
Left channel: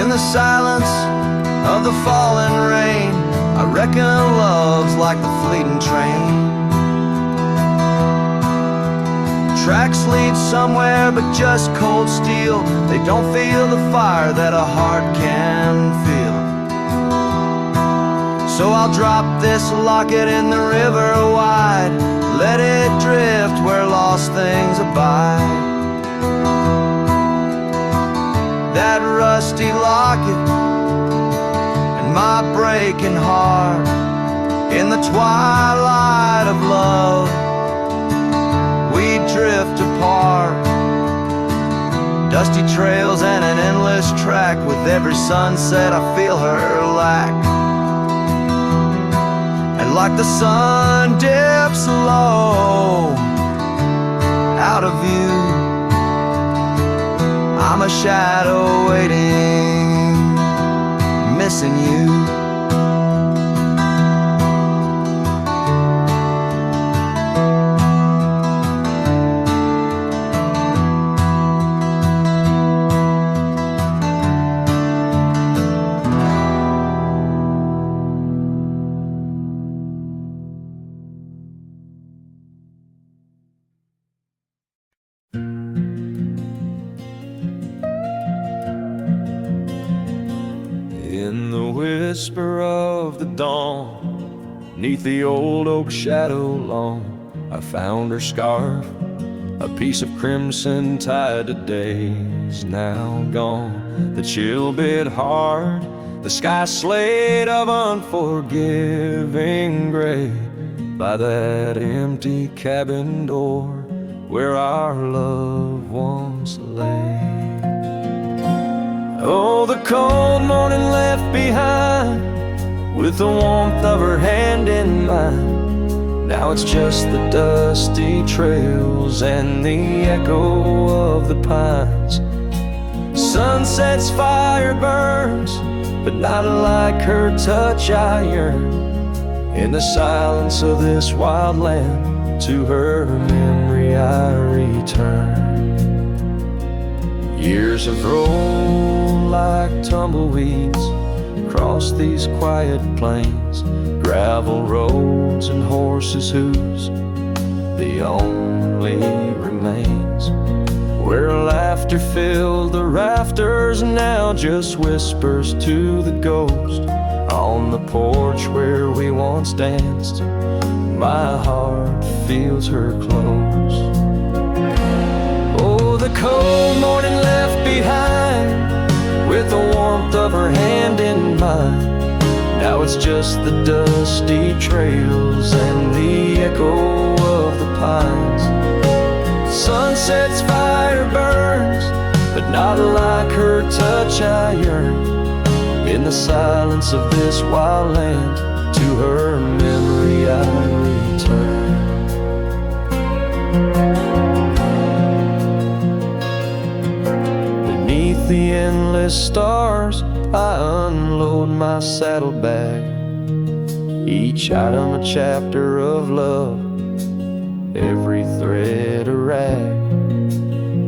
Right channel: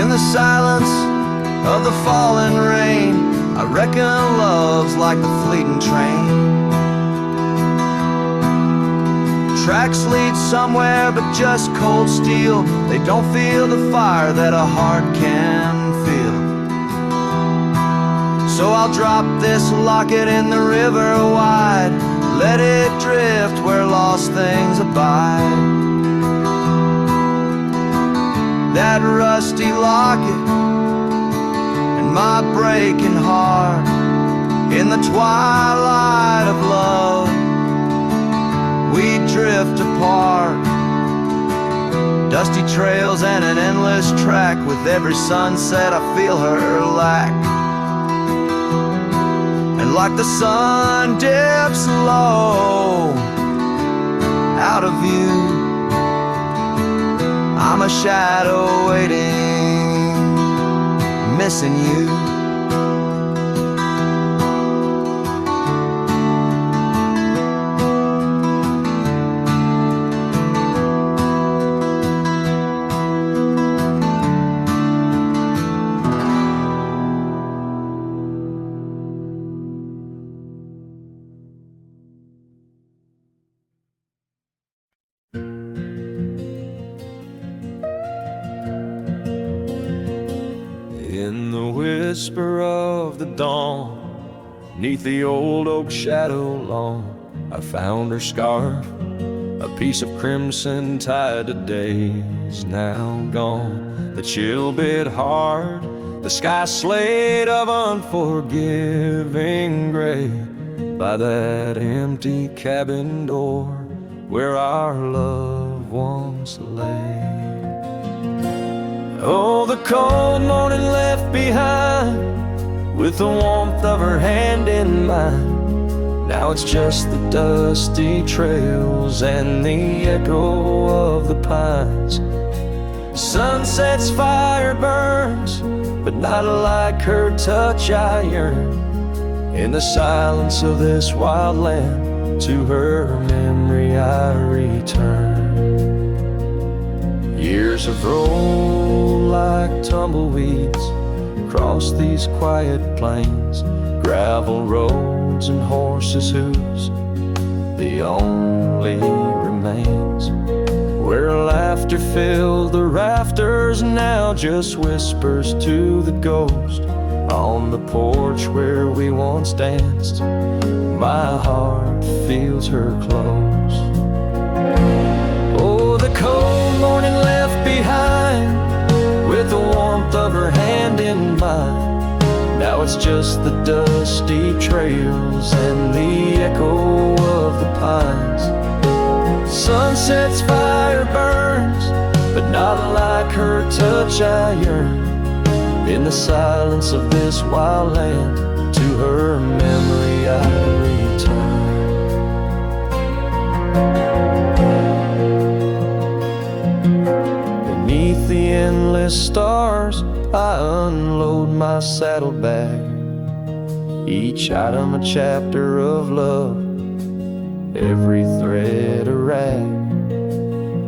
In the silence of the falling rain, I reckon love's like the fleeting train. Tracks lead somewhere but just cold steel, they don't feel the fire that a heart can feel. So I'll drop this locket in the river wide, let it drift where lost things abide. That rusty locket and my breaking heart, in the twilight of love we drift apart. Dusty trails and an endless track, with every sunset I feel her lack. And like the sun dips low out of view, I'm a shadow waiting, missing you. In the whisper of the dawn, 'neath the old oak shadow long, I found her scarf, a piece of crimson tied to days now gone. The chill bit hard, the sky slate of unforgiving gray, by that empty cabin door where our love once lay. Oh, the cold morning left behind, with the warmth of her hand in mine. Now it's just the dusty trails and the echo of the pines. Sunset's fire burns, but not like her touch I yearn. In the silence of this wild land, to her memory I return. Years have rolled like tumbleweeds across these quiet plains, gravel roads and horses' hooves, the only remains. where laughter filled the rafters, now just whispers to the ghost. On the porch where we once danced, my heart feels her close. Oh, the cold morning left behind, with the warmth of her hand in mine. Now it's just the dusty trails and the echo of the pines. Sunset's fire burns, but not like her touch I yearn. In the silence of this wild land, to her memory I return. Beneath the endless stars, I unload my saddlebag. Each item a chapter of love, every thread a rag.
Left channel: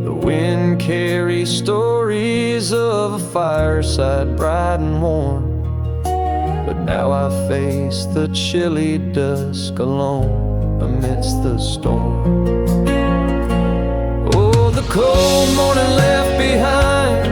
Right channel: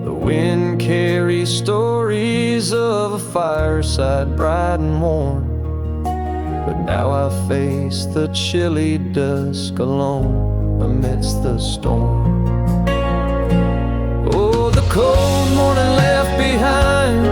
The wind carries stories of a fireside bright and warm, but now I face the chilly dusk alone amidst the storm. Oh, the cold morning left behind,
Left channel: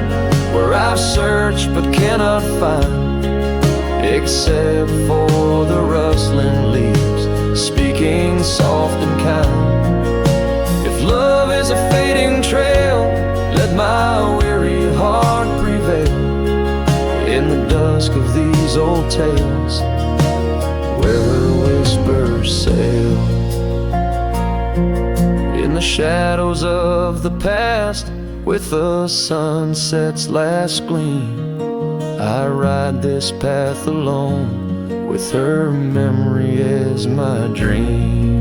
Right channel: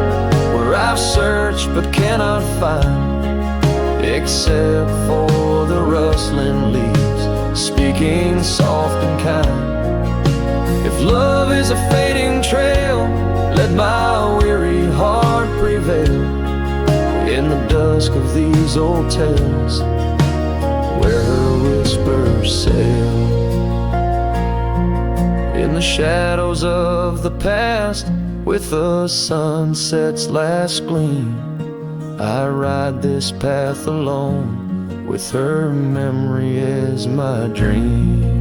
where I've searched but cannot find, except for the rustling leaves speaking soft and kind. If love is a fading trail, let my weary heart prevail in the dusk of these old tales, where her whispers sail. In the shadows of the past, with the sunset's last gleam, I ride this path alone, with her memory as my dream.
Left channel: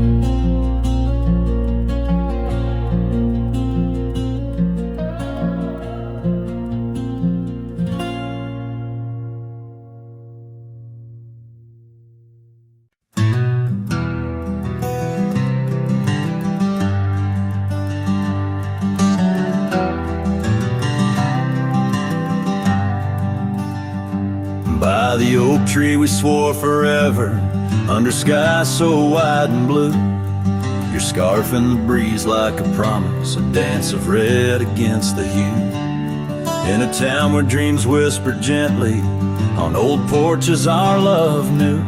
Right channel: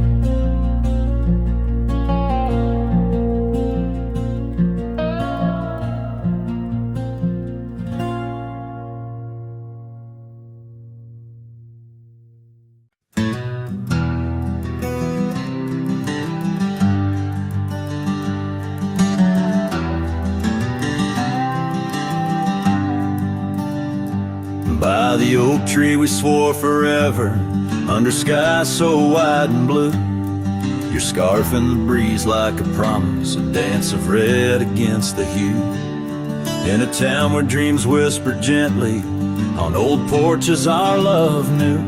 By the oak tree we swore forever, under skies so wide and blue. Your scarf in the breeze like a promise, a dance of red against the hue. In a town where dreams whisper gently, on old porches our love knew.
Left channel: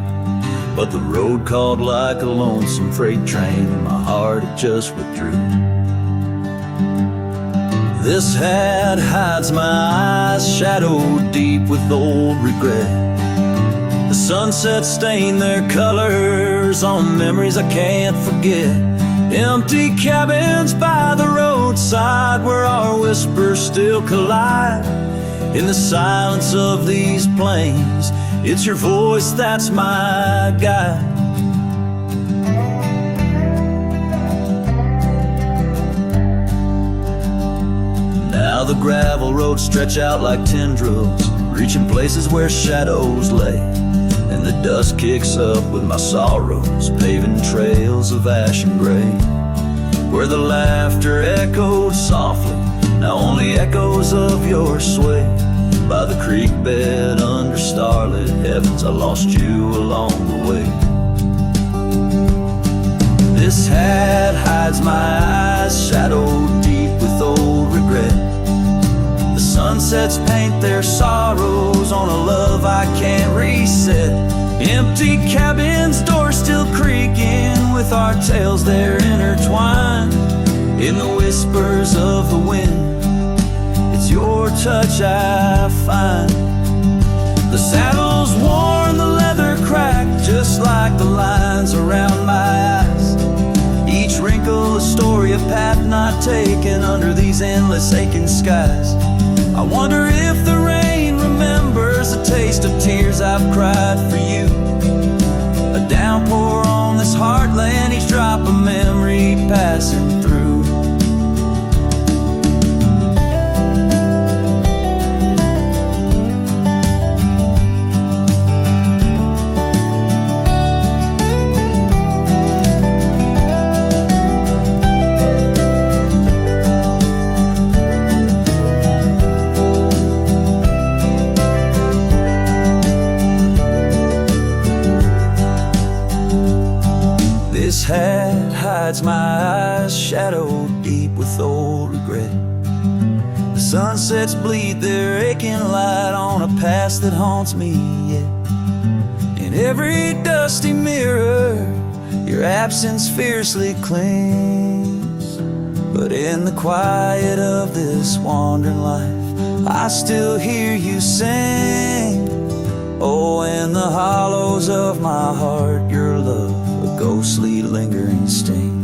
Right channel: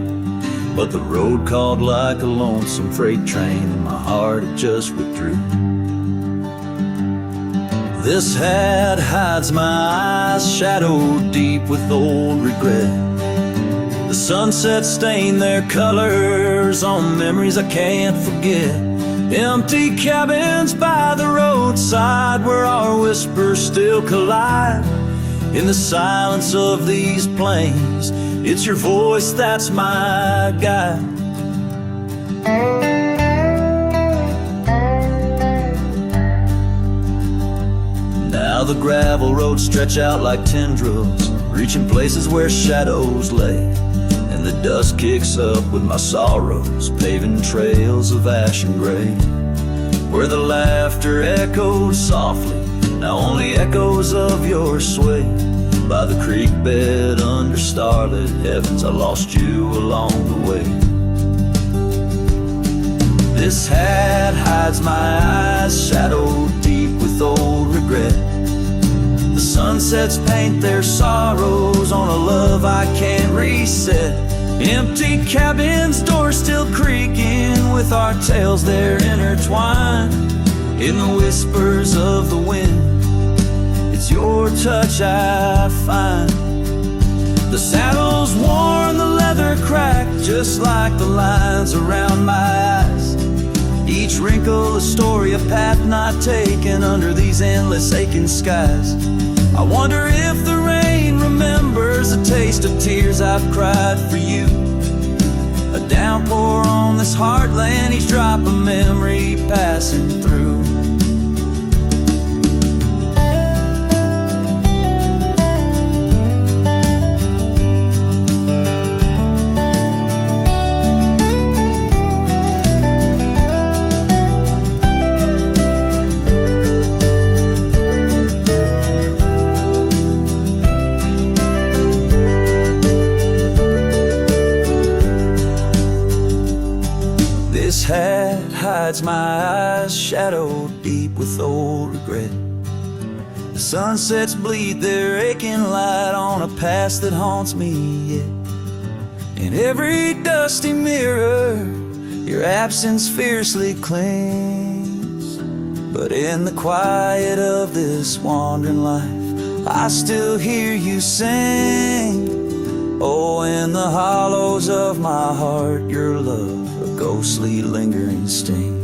But the road called like a lonesome freight train, and my heart it just withdrew. This hat hides my eyes, shadowed deep with old regret. The sunset stained their colors on memories I can't forget. Empty cabins by the roadside where our whispers still collide. In the silence of these plains, it's your voice that's my guide. Now the gravel roads stretch out like tendrils, reaching places where shadows lay. And the dust kicks up with my sorrows, paving trails of ash and gray. Where the laughter echoed softly, now only echoes of your sway. By the creek bed under starlit heavens, I lost you along the way. This hat hides my eyes, shadowed deep with old regret. The sunsets paint their sorrows on a love I can't reset. Empty cabins, doors still creaking, with our tales there intertwined. In the whispers of the wind, it's your touch I find. The saddle's worn, the leather cracked, just like the lines around my eyes. Each wrinkle a story, a path not taken under these endless aching skies. I wonder if the rain remembers the taste of tears I've cried for you. A downpour on this heartland, each drop a memory passing through. This hat hides my eyes, shadowed deep with old regret. The sunsets bleed their aching light on a past that haunts me yet. In every dusty mirror, your absence fiercely clings. But in the quiet of this wandering life, I still hear you sing. Oh, in the hollows of my heart, your love, a ghostly lingering sting.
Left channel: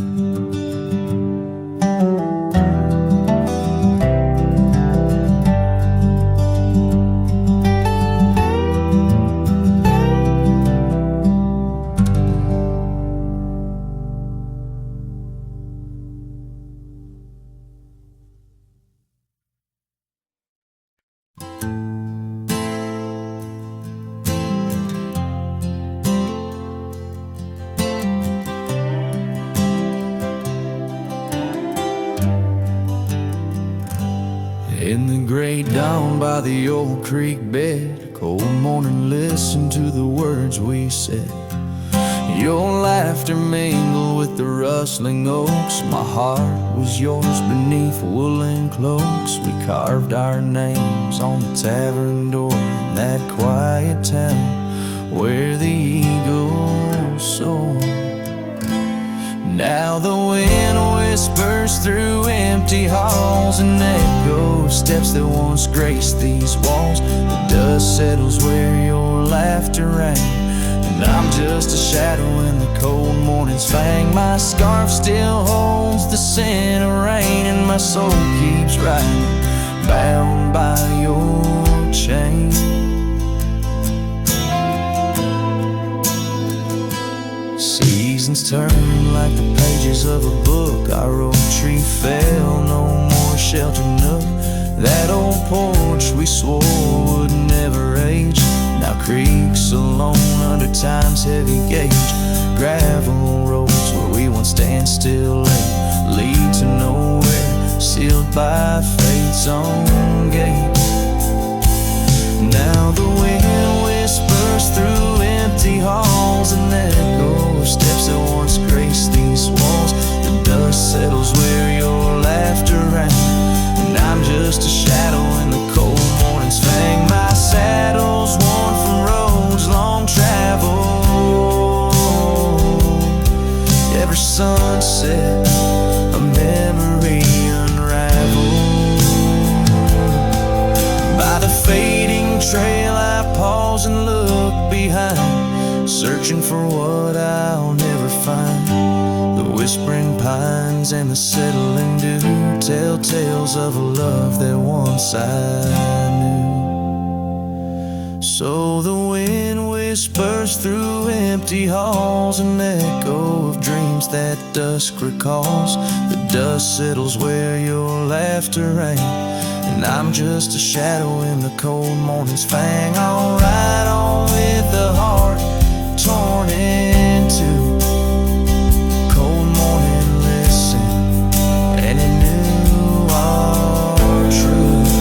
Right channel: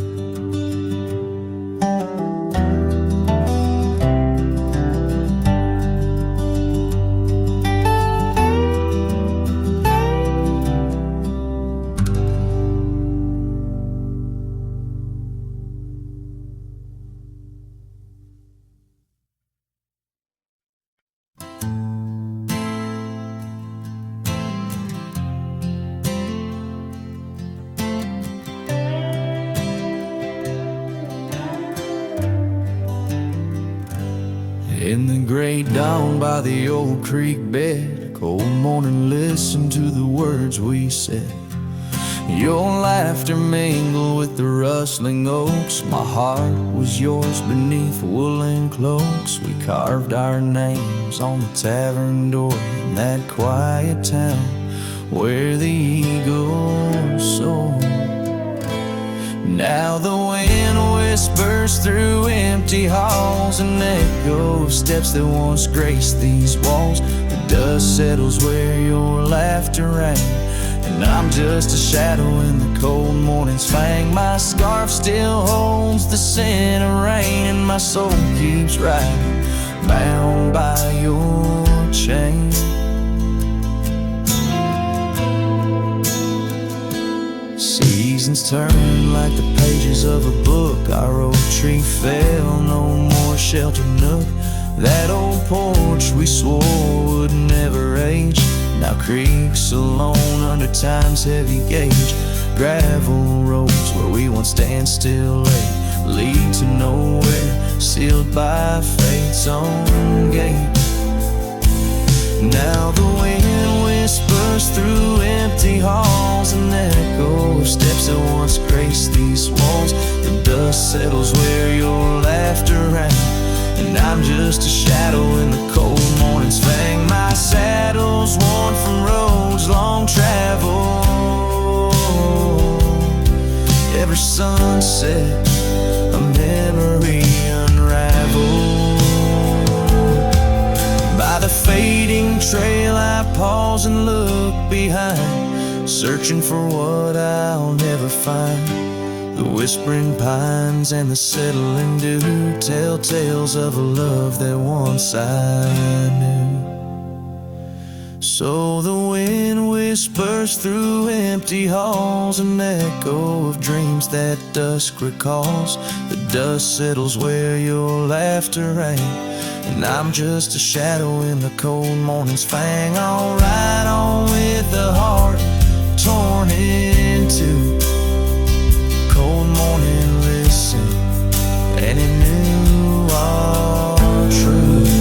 In the great dawn by the old creek bed, a cold morning, listen to the words we said. Your laughter mingled with the rustling oaks. My heart was yours beneath woolen cloaks. We carved our names on the tavern door in that quiet town where the eagles soar. Now the wind whispers through empty halls and echoes steps that once graced these walls. The dust settles where your laughter rang, and I'm just a shadow in the cold morning's fang. My scarf still holds the scent of rain, and my soul keeps riding, bound by your chain. Seasons turn like the pages of a book. Our old tree fell, no more sheltered nook. That old porch we swore would never age now creaks alone under time's heavy gauge. Gravel roads where we once stand still late lead to nowhere, sealed by fate's own gate. Now the wind whispers through empty halls, an echo of steps that once graced these walls. The dust settles where your laughter rang, and I'm just a shadow in the cold morning's fang. My saddle's worn from roads long traveled. Every sunset, a memory unraveled. By the fading trail I pause and look behind, searching for what I'll never find. The whispering pines and the settling dew tell tales of a love that once I knew. So the wind whispers through empty halls, an echo of dreams that dusk recalls. The dust settles where your laughter rang, and I'm just a shadow in the cold morning's fang. I'll ride on with the heart torn in two. Cold morning, listen, and it knew our truth.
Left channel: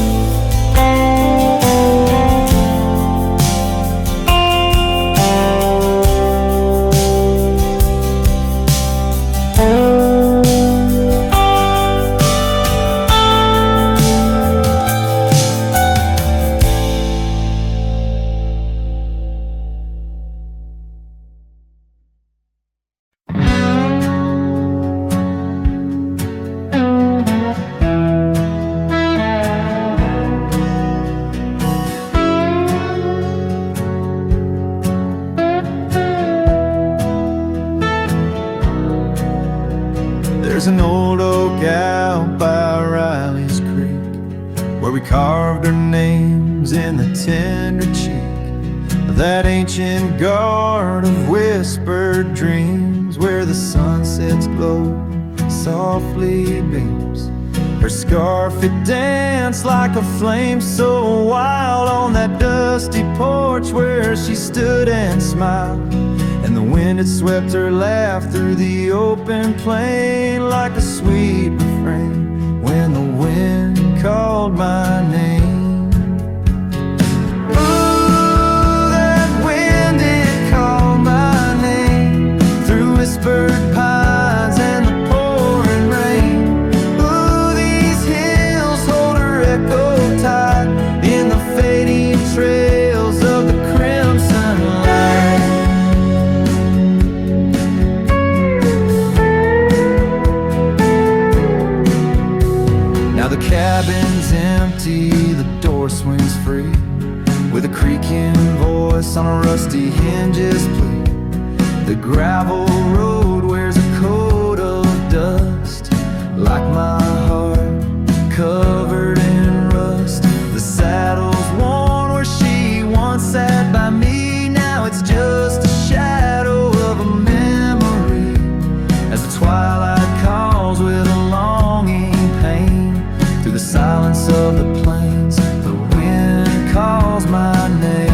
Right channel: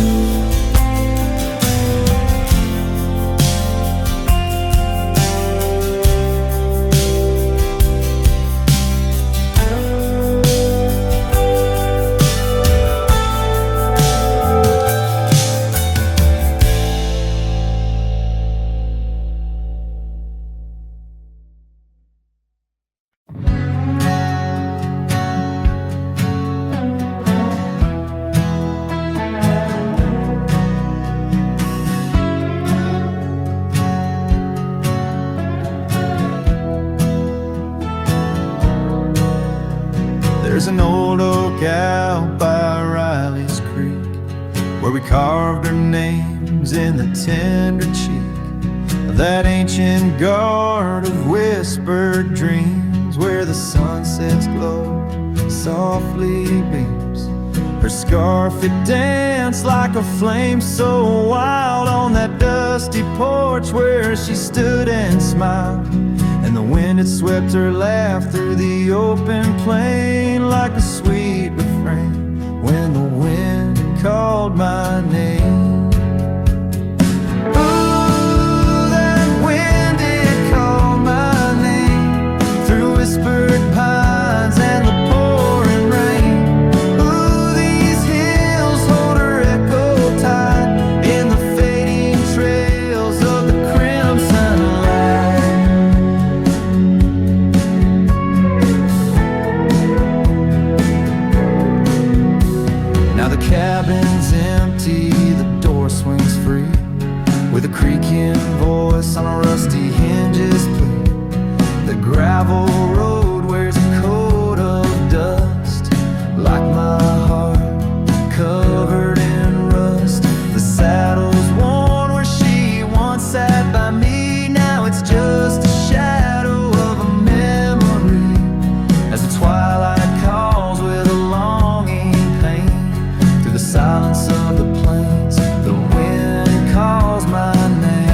There's an old oak out by Riley's Creek where we carved our names in the tender cheek of that ancient guard of whispered dreams, where the sunset's glow softly beams. Her scarf, it danced like a flame so wild on that dusty porch where she stood and smiled. And the wind had swept her laugh through the open plain like a sweet refrain when the wind called my name. Ooh, that wind, it called my name through whispered pines and cabin's empty, the door swings free, with a creaking voice on a rusty hinge's plea. The gravel road wears a coat of dust, like my heart, covered in rust. The saddle's worn where she once sat by me, now it's just a shadow of a memory. As the twilight calls with a longing pain, through the silence of the plains, the wind calls my name.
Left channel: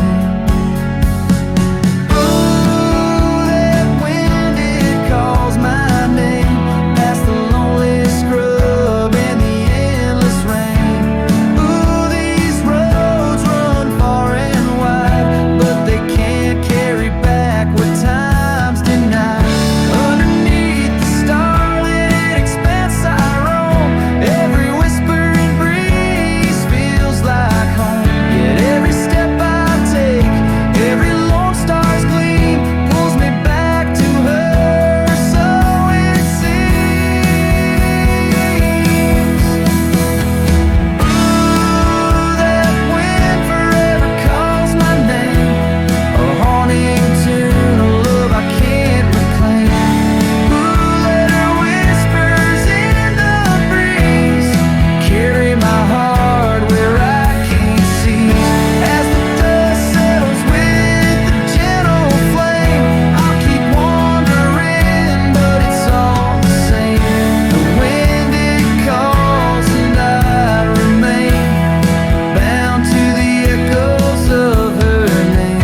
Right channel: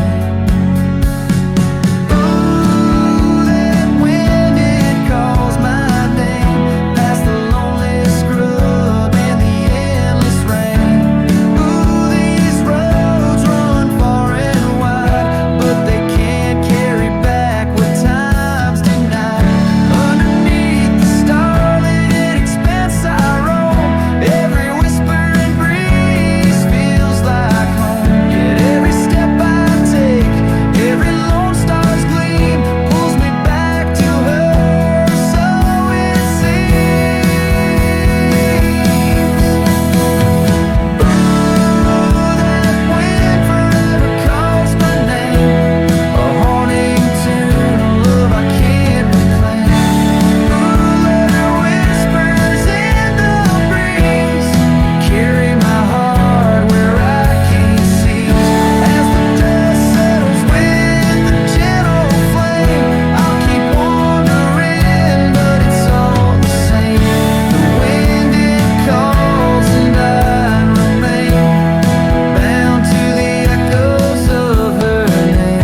Ooh, that wind, it calls my name, past the lonely scrub and the endless rain. Ooh, these roads run far and wide, but they can't carry back what time's denied. Underneath the starlit expanse I roam, every whisper and breeze feels like home. Yet every step I take, every lone star's gleam pulls me back to her, so it seems. Ooh, that wind forever calls my name, a haunting tune, a love I can't reclaim. Ooh, let her whispers in the breeze carry my heart where I can't seize. As the dust settles with the gentle flame, I'll keep wandering, but it's all the same. The wind, it calls and I remain bound to the echoes of her name.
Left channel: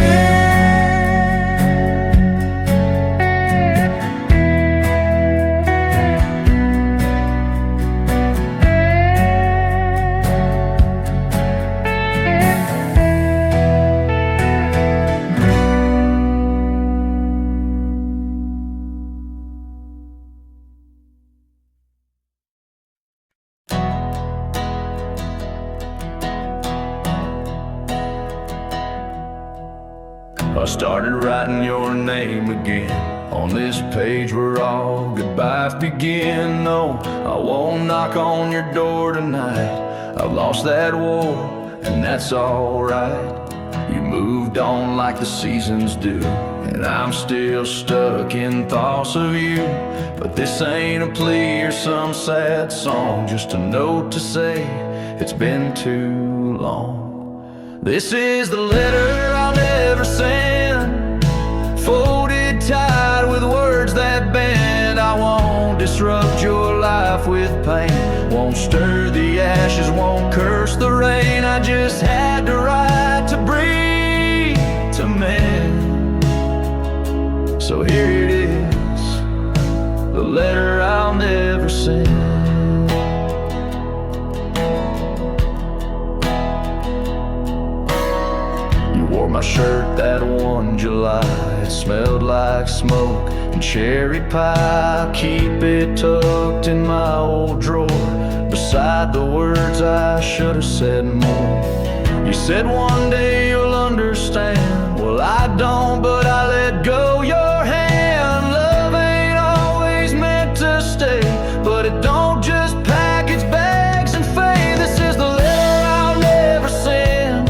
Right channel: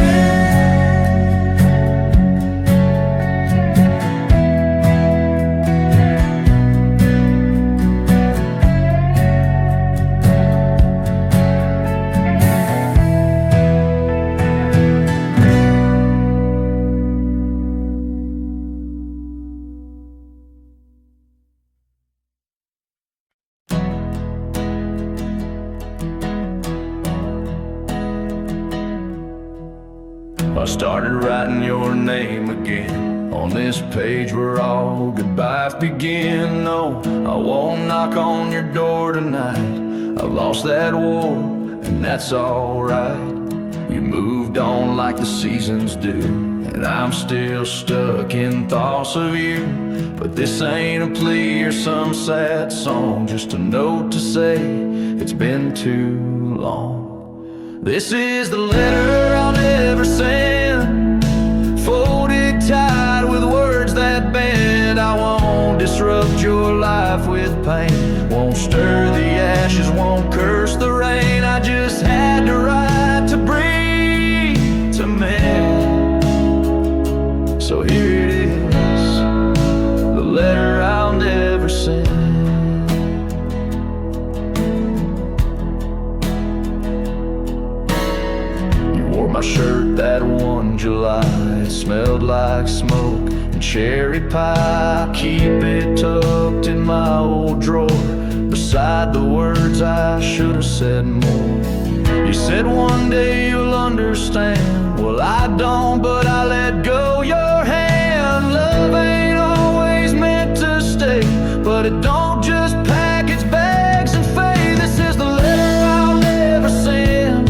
I started writing your name again on this page where all goodbyes begin. No, I won't knock on your door tonight. I've lost that war, and that's alright. You moved on like the seasons do, and I'm still stuck in thoughts of you. But this ain't a plea or some sad song, just a note to say it's been too long. This is the letter I'll never send, folded tight with words that bend. I won't disrupt your life with pain, won't stir the ashes, won't curse the rain. I just had to write to breathe, to mend. So here it is, the letter I'll never send. Wore my shirt that one July, it smelled like smoke and cherry pie. Keep it tucked in my old drawer, beside the words I should have said more. You said one day you'll understand. Well, I don't, but I let go your hand. Love ain't always meant to stay, but it don't just pack its bags and fade. This is the letter I'll never send.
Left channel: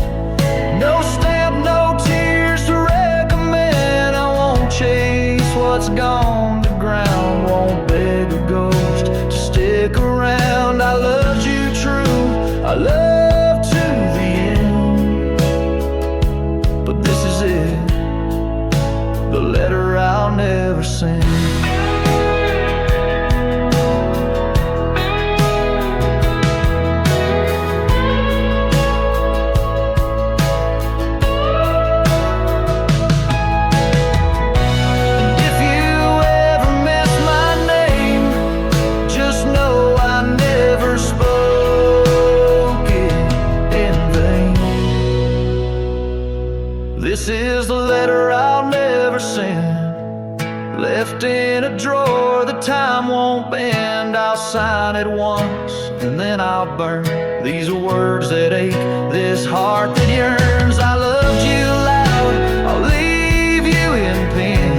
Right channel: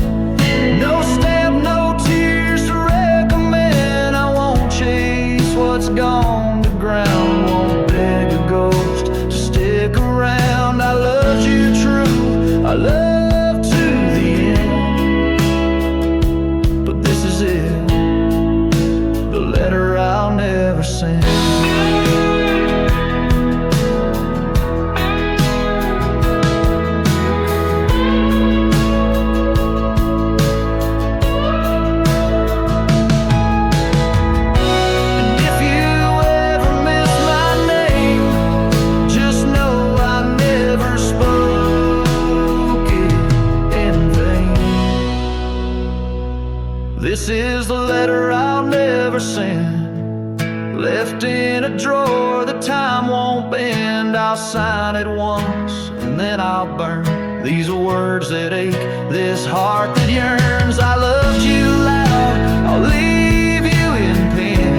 No stamp, no tears to recommend. I won't chase what's gone to ground, won't beg a ghost to stick around. I loved you true, I love to the end. But this is it, the letter I'll never send. This is the letter I'll never send, left in a drawer that time won't bend. I'll sign it once and then I'll burn these words that ache, this heart that yearns. I loved you loud, I'll leave you in pain.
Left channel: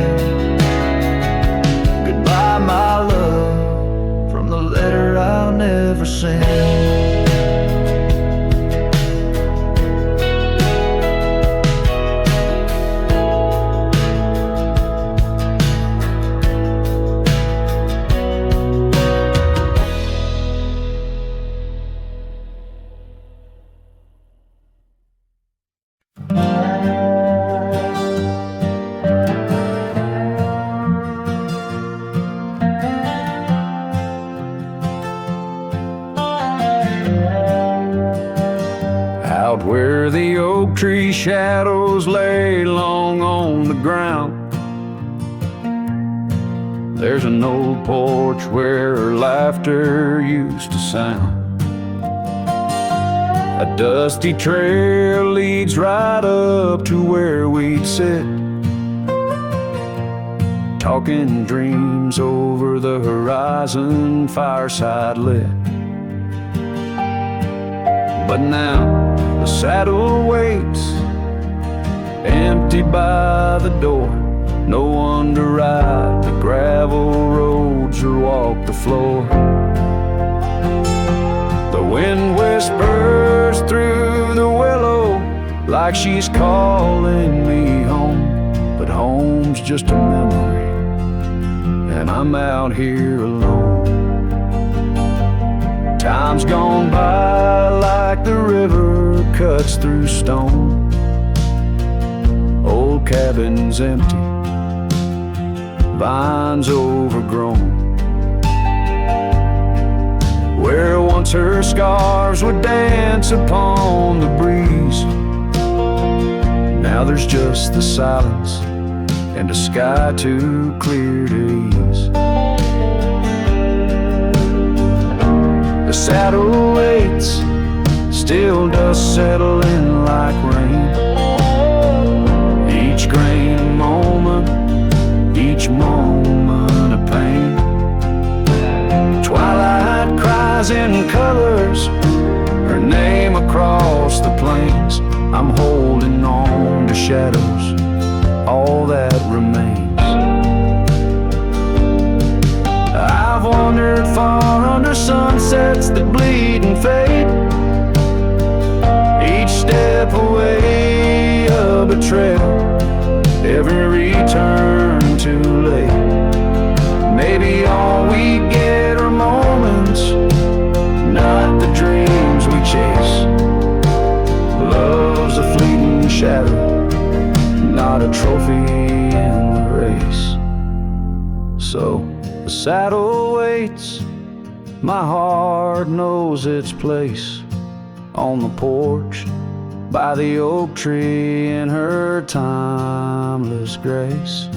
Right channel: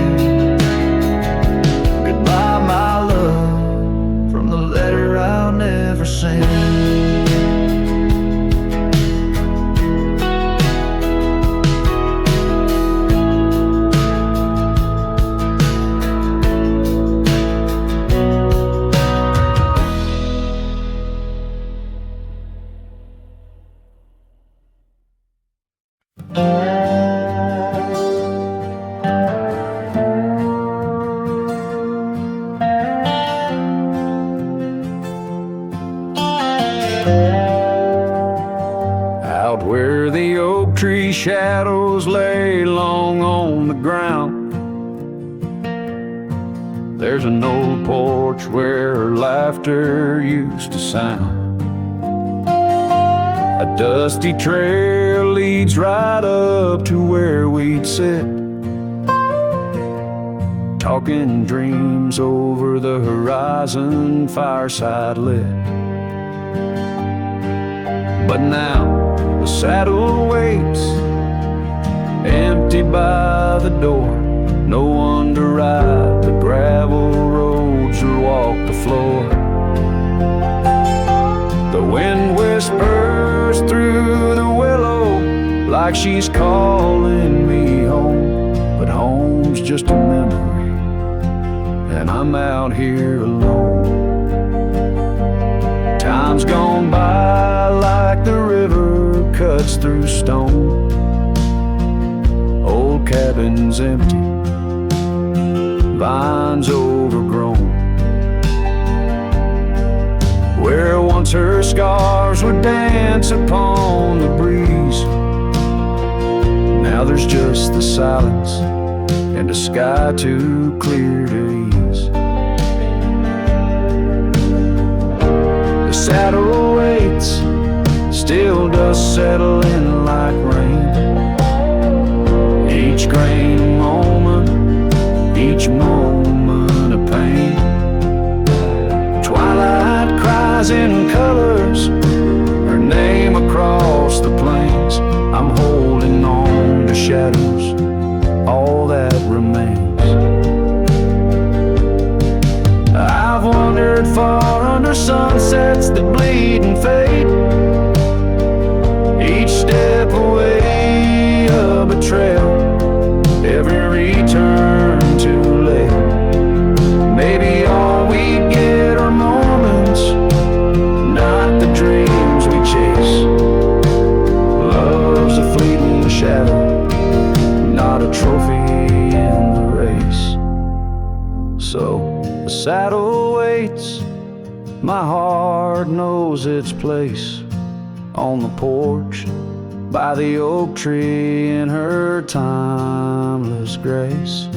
Goodbye, my love, from the letter I'll never send. Out where the oak tree shadows lay long on the ground, there's an old porch where laughter used to sound. A dusty trail leads right up to where we'd sit, talking dreams over the horizon, fireside lit. But now the saddle waits, empty by the door. No one to ride the gravel roads or walk the floor. The wind whispers through the willow like she's calling me home, but home's just a memory, and I'm out here alone. Time's gone by like the river cuts through stone. Old cabin's empty, vines overgrown. Where once her scarves would dance upon the breeze, now there's just the silence and a sky too clear to ease. The saddle waits, still dust settle in like rain. Each grain a moment, each moment a pain. Twilight cries in colors, her name across the plains. I'm holding on to shadows, all that remains. I've wandered far under sunsets that bleed and fade. Each step away a betrayal, every return too late. Maybe all we get are moments, not the dreams we chase. Love's a fleeting shadow, not a trophy in the race. So the saddle waits, my heart knows its place on the porch by the oak tree in her timeless grace.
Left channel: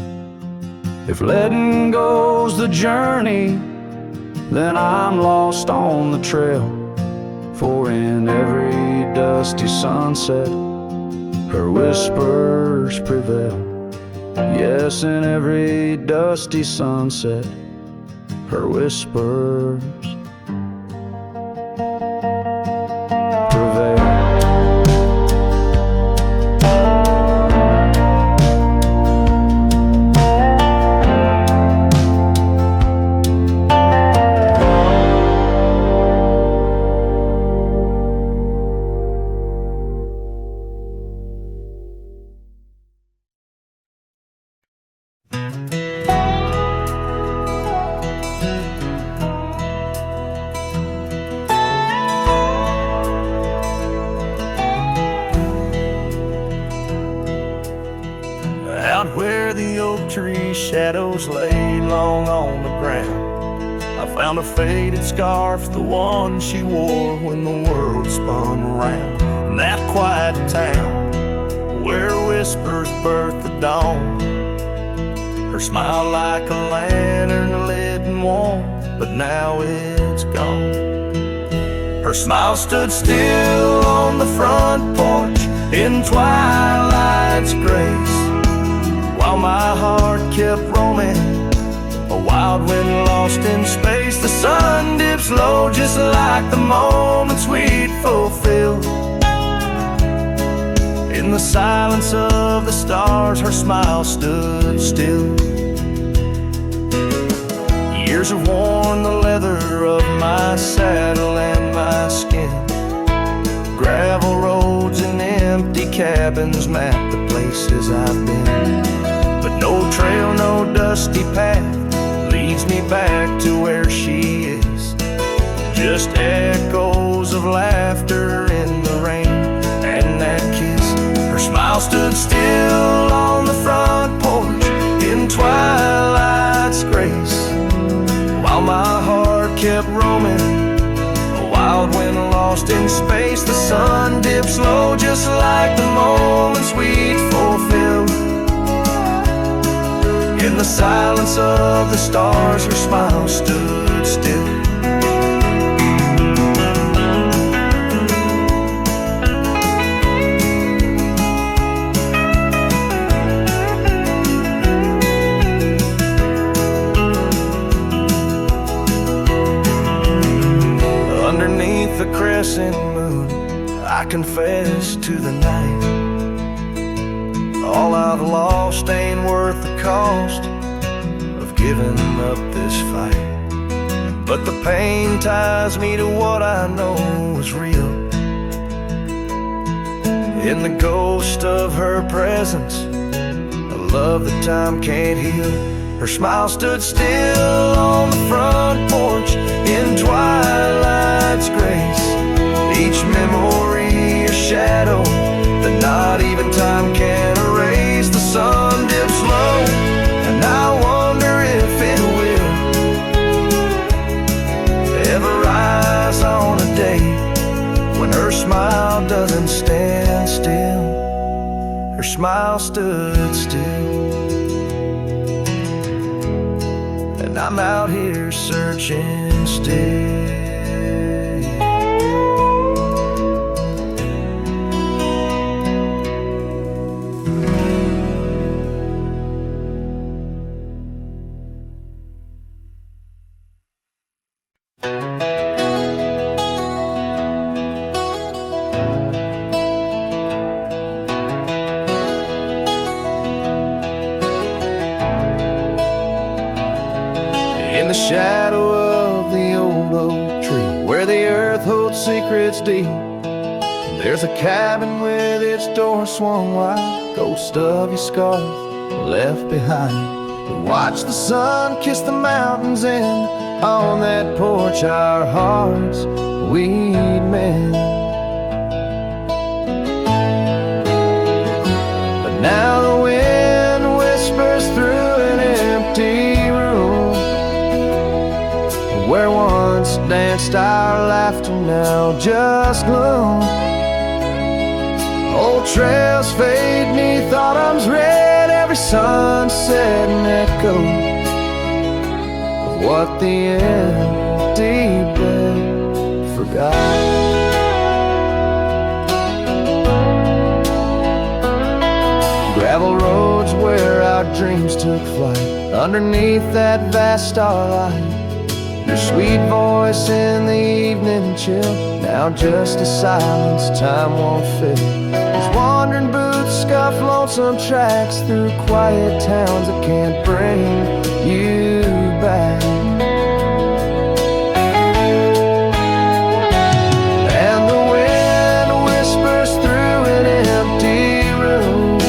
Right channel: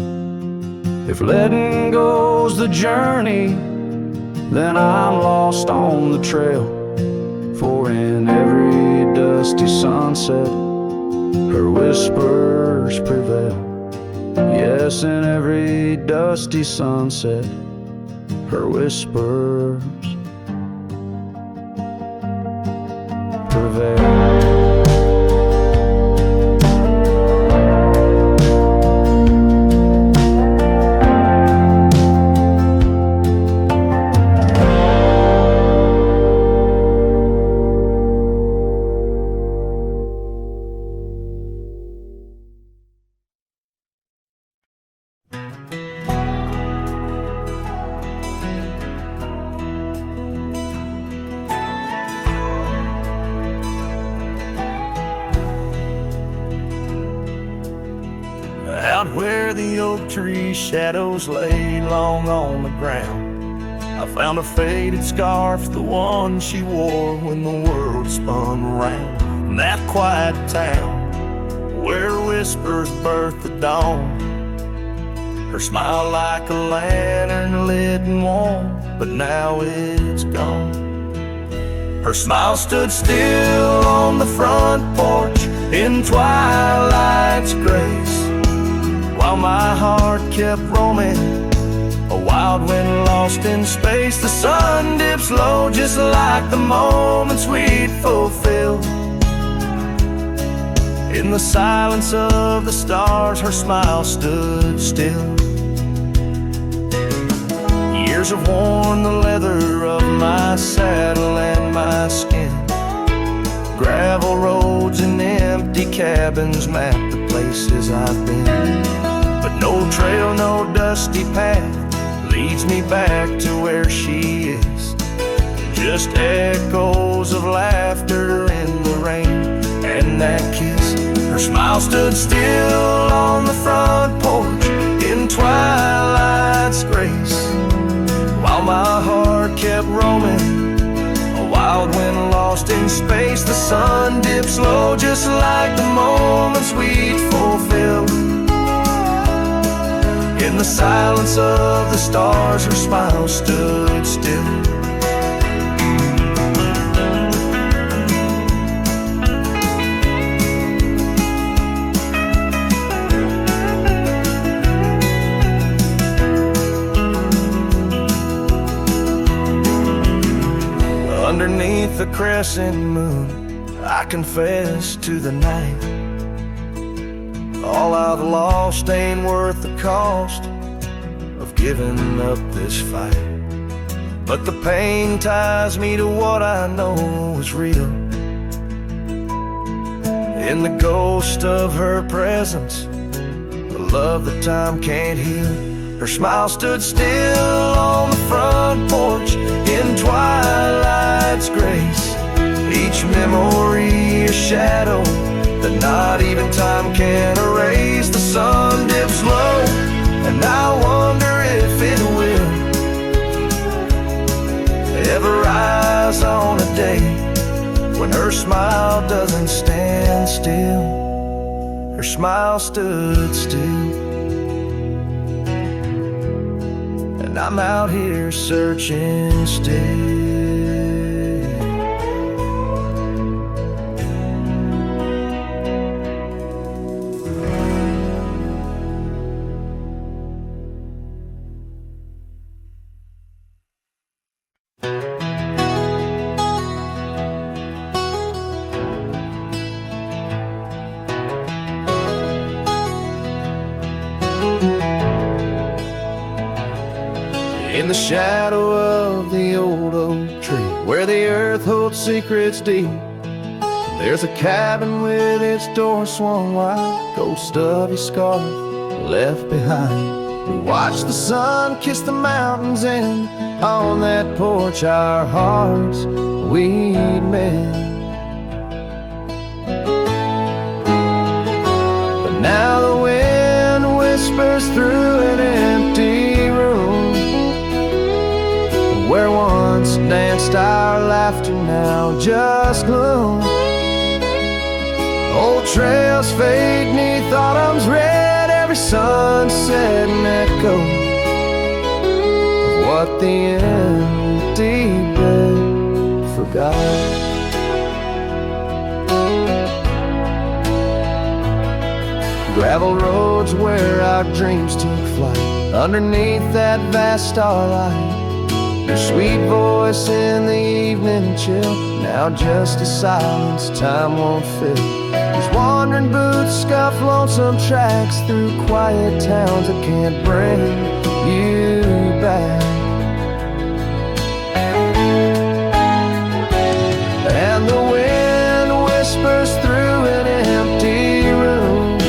If letting go's the journey, then I'm lost on the trail. For in every dusty sunset, her whispers prevail. Yes, in every dusty sunset, her whispers prevail. Out where the oak tree shadows lay long on the ground, I found a faded scarf, the one she wore when the world spun around. In that quiet town where whispers birth the dawn, her smile like a lantern lit and warm, but now it's gone. Her smile stood still on the front porch in twilight's grace, while my heart kept roaming, a wild wind lost in space. The sun dips low just like the moments we'd fulfill. In the silence of the stars, her smile stood still. Years have worn the leather of my saddle and my skin. Gravel roads and empty cabins map the places I've been. But no trail, no dusty path leads me back to where she is. Just echoes of laughter in the rain and that kiss. Her smile stood still on the front porch in twilight's grace, while my heart kept roaming, a Wild wind lost in space, the sun dips low just like the moments we'd fulfilled. In the silence of the stars, her smile stood still. Underneath the crescent moon, I confess to the night, all I've lost ain't worth the cost of giving up this fight. But the pain ties me to what I know is real. In the ghost of her presence, a love that time can't heal. Her smile stood still on the front porch in twilight's grace. Each memory a shadow that not even time can erase. The sun dips low, and I wonder if it will ever rise on a day when her smile doesn't stand still. Her smile stood still, and I'm out here searching still. In the shadow of the old oak tree, where the earth holds secrets deep, there's a cabin with its door swung wide, ghost of your scarf left behind. We watch the sun kiss the mountains, and on that porch our hearts we'd mend. But now the wind whispers through an empty room, where once danced our laughter, now just gloom. Old trails fade neath autumn's red, every sunset an echo of what the empty bed forgot. Gravel roads where our dreams took flight, underneath that vast starlight. Your sweet voice in the evening chill, now just a silence time won't fill. These wandering boots scuff lonesome tracks through quiet towns that can't bring you back. And the wind whispers through an empty room,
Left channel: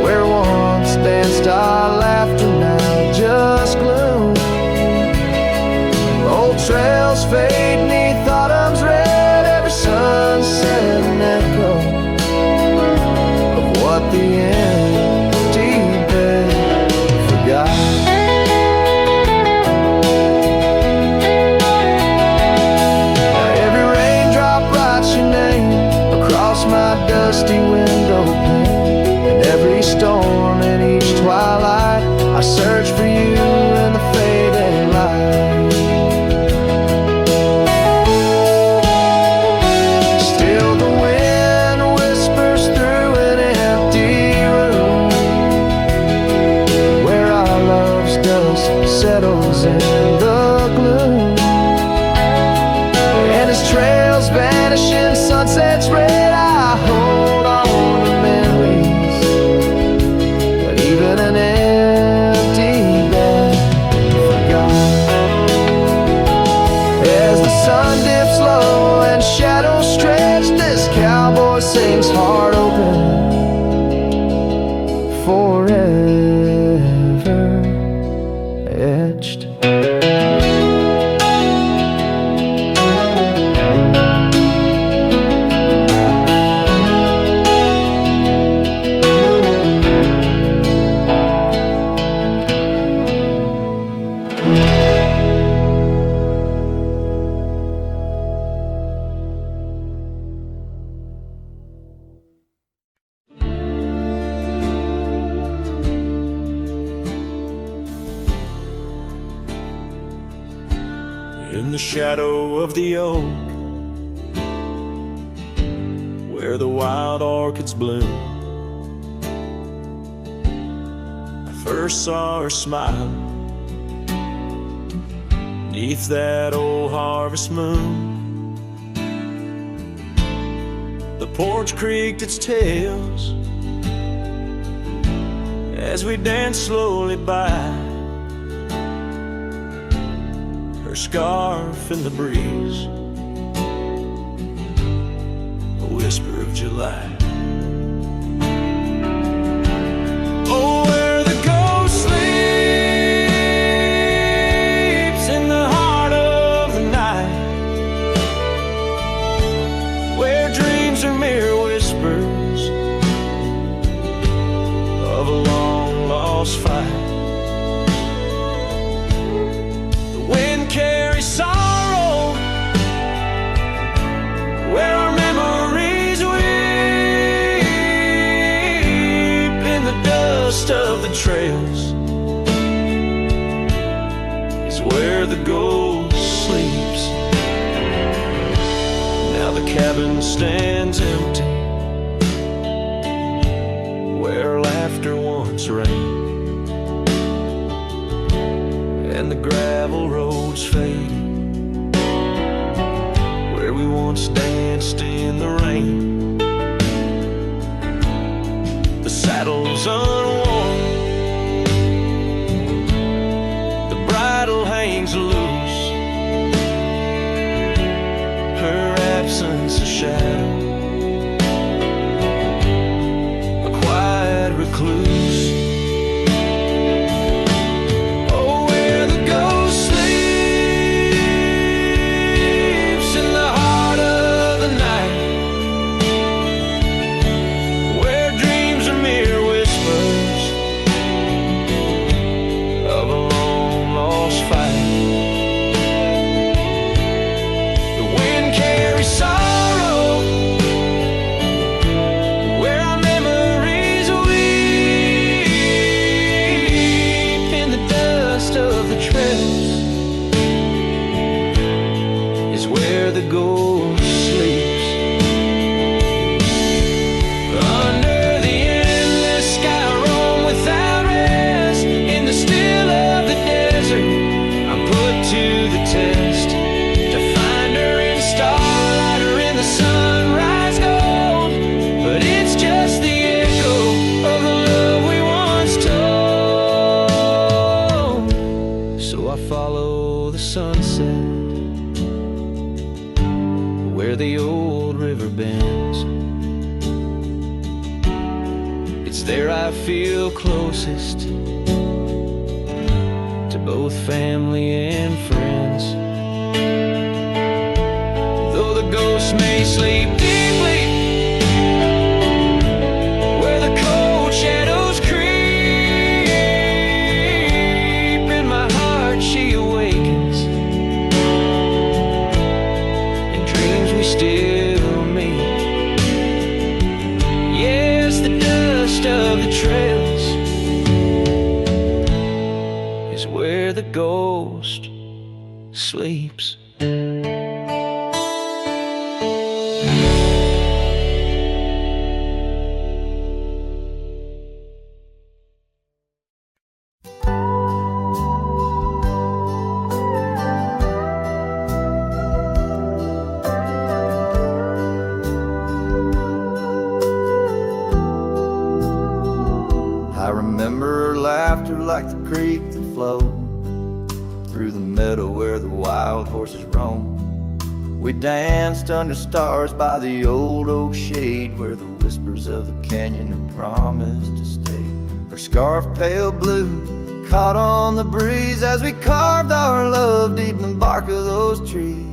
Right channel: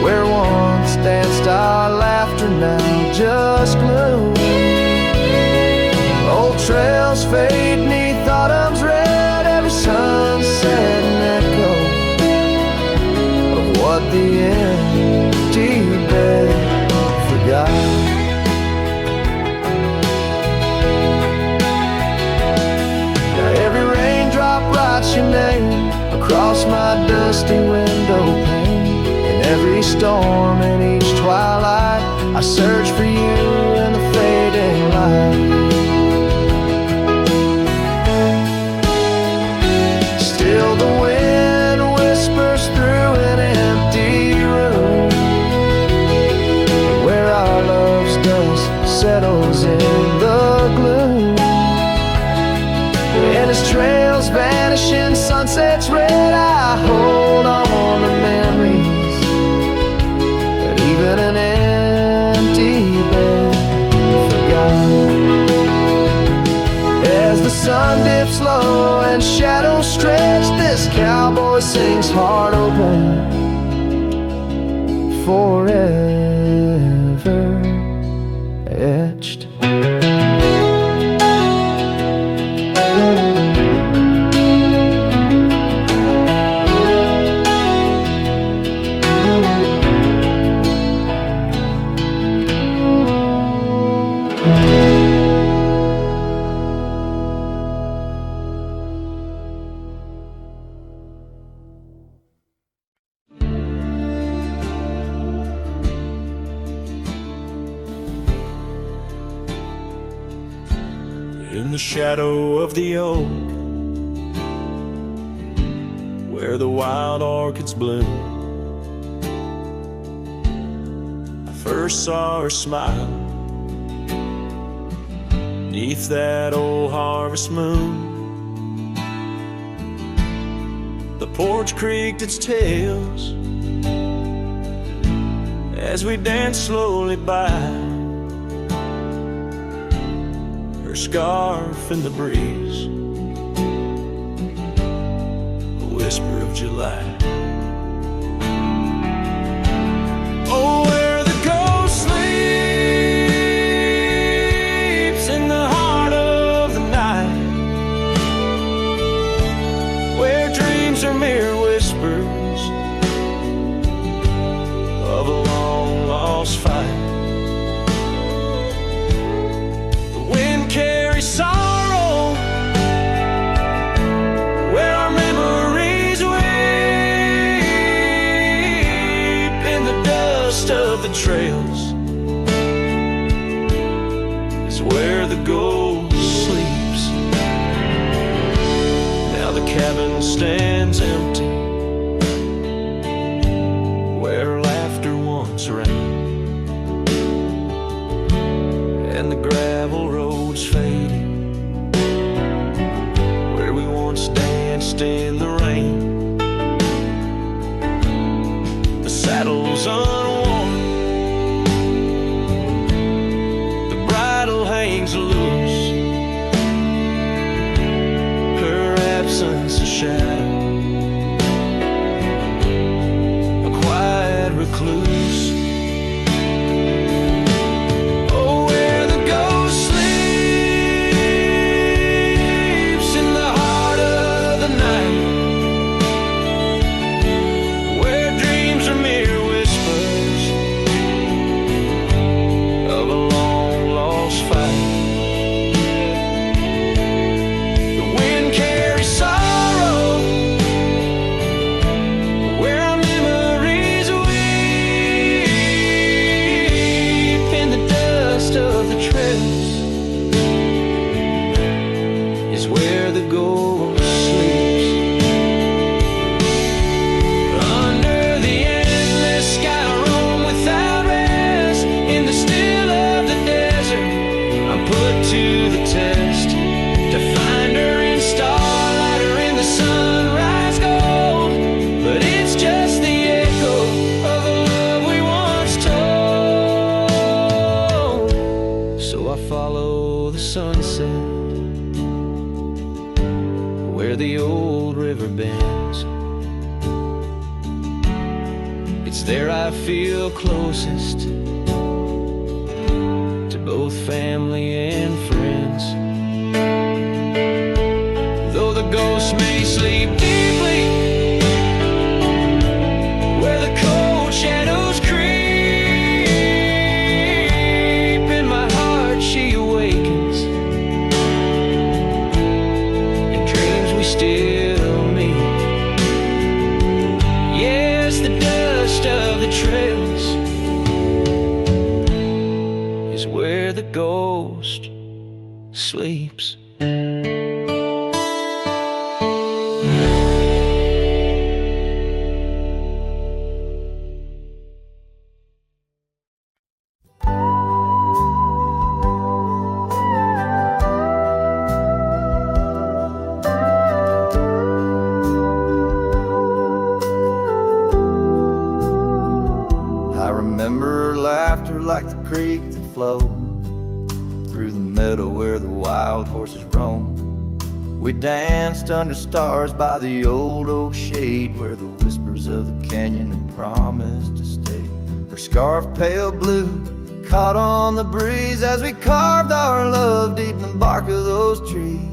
where once danced our laughter, now just gloom. Old trails fade neath autumn's red, every sunset an echo of what the empty bed forgot. Now every raindrop writes your name across my dusty window pane. In every storm and each twilight, I search for you in the fading light. Still the wind whispers through an empty room, where our love's dust settles in the gloom. And as trails vanish in sunset's red, I hold on to memories that even an empty bed forgot. As the sun dips low and shadows stretch, this cowboy sings heart open, forever etched. the shadow of the oak, where the wild orchids bloom. I first saw her smile 'neath that old harvest moon. The porch creaked its tails as we danced slowly by, her scarf in the breeze, a whisper of July. Oh, where the ghost sleeps in the heart of the night, where dreams are mere whispers of a long lost fight. The wind carries sorrow where our memories weep in the dust of the trails is where the ghost sleeps. Now the cabin stands empty where laughter once reigned, and the gravel roads faded where we once danced in the rain. The saddle's unworn, the bridle hangs loose, her absence a shadow, a quiet recluse. Oh, where the ghost sleeps in the heart of the night, where dreams are mere whispers of a long lost fight. The wind carries sorrow where our memories weep in the dust of the trails is where the ghost sleeps. Under the endless sky I roam without rest, in the still of the desert I'm put to the test, to find her in starlight or in the sunrise gold. But it's just the echo of the love we once told. So I follow the sunset where the old river bends. It's there I feel closest to both family and friends. Though the ghosts may sleep deeply where the cold shadows creep, in my heart she awakens, in dreams we still meet. Yes, the dust of the trails is where the ghost sleeps. I remember her laughter like the creek that flowed through the meadow where the wild horses roam. We danced under stars by the old oak shade where the whispers of the canyon had promised to stay. Her scarf pale blue caught on the breeze as we carved our love deep in the bark of those trees.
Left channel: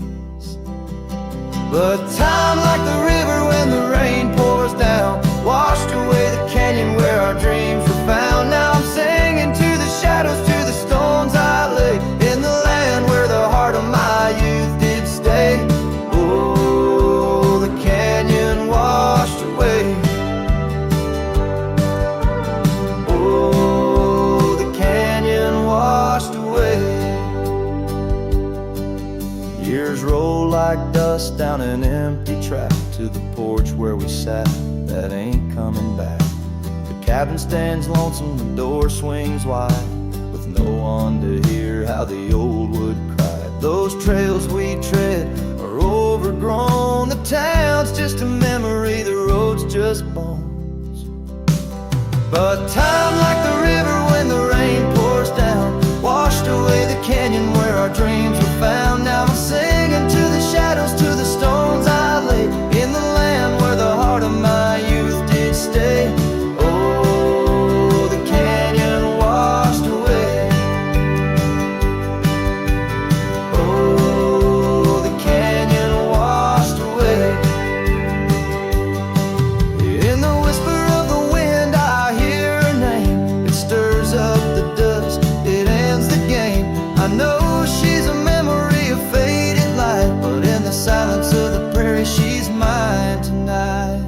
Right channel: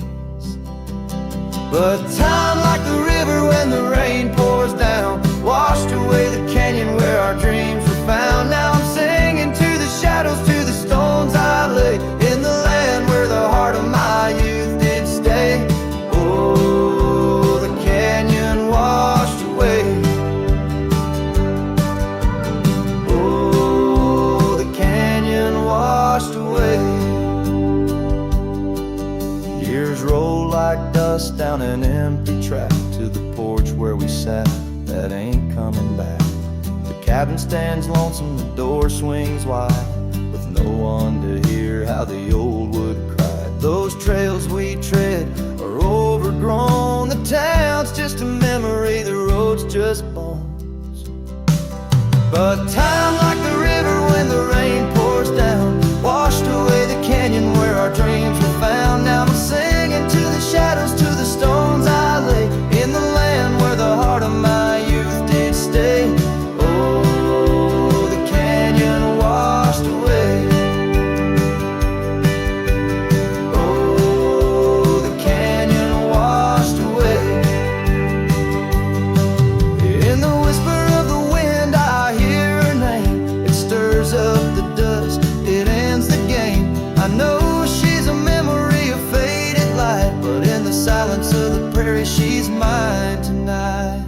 But time, like the river when the rain pours down, washed away the canyon where our dreams were found. Now I'm singing to the shadows, to the stones I lay, in the land where the heart of my youth did stay. Oh, the canyon washed away. Oh, the canyon washed away. us down an empty track to the porch where we sat that ain't coming back. The cabin stands lonesome, the door swings wide, with no one to hear how the old wood cried. Those trails we tread are overgrown, the town's just a memory, the road's just bones. But time, like the river when the rain pours down, washed away the canyon where our dreams were found. Now I'm singing to the shadows, to the stones I lay in the land where the heart of my youth did stay. Oh, the canyon washed away. Oh, the canyon washed away. In the whisper of the wind I hear her name. It stirs up the dust, it ends the game. I know she's a memory of faded light, but in the silence of the prairie she's mine tonight.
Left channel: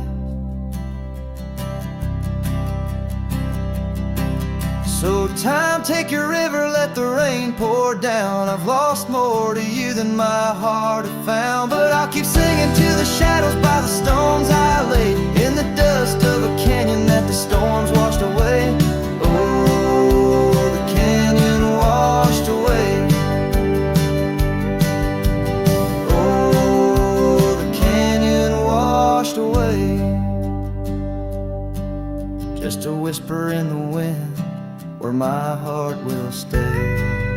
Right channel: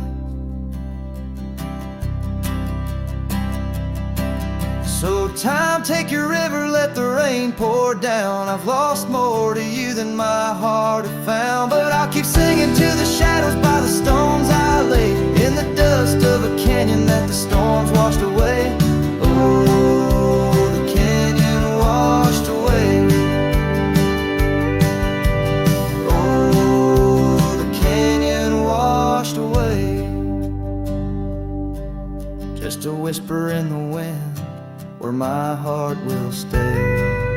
So time, take your river, let the rain pour down. I've lost more to you than my heart had found, but I'll keep singing to the shadows by the stones I laid in the dust of a canyon that the storms washed away. Oh, the canyon washed away. Oh, the canyon washed away. Just a whisper in the wind where my heart will stay.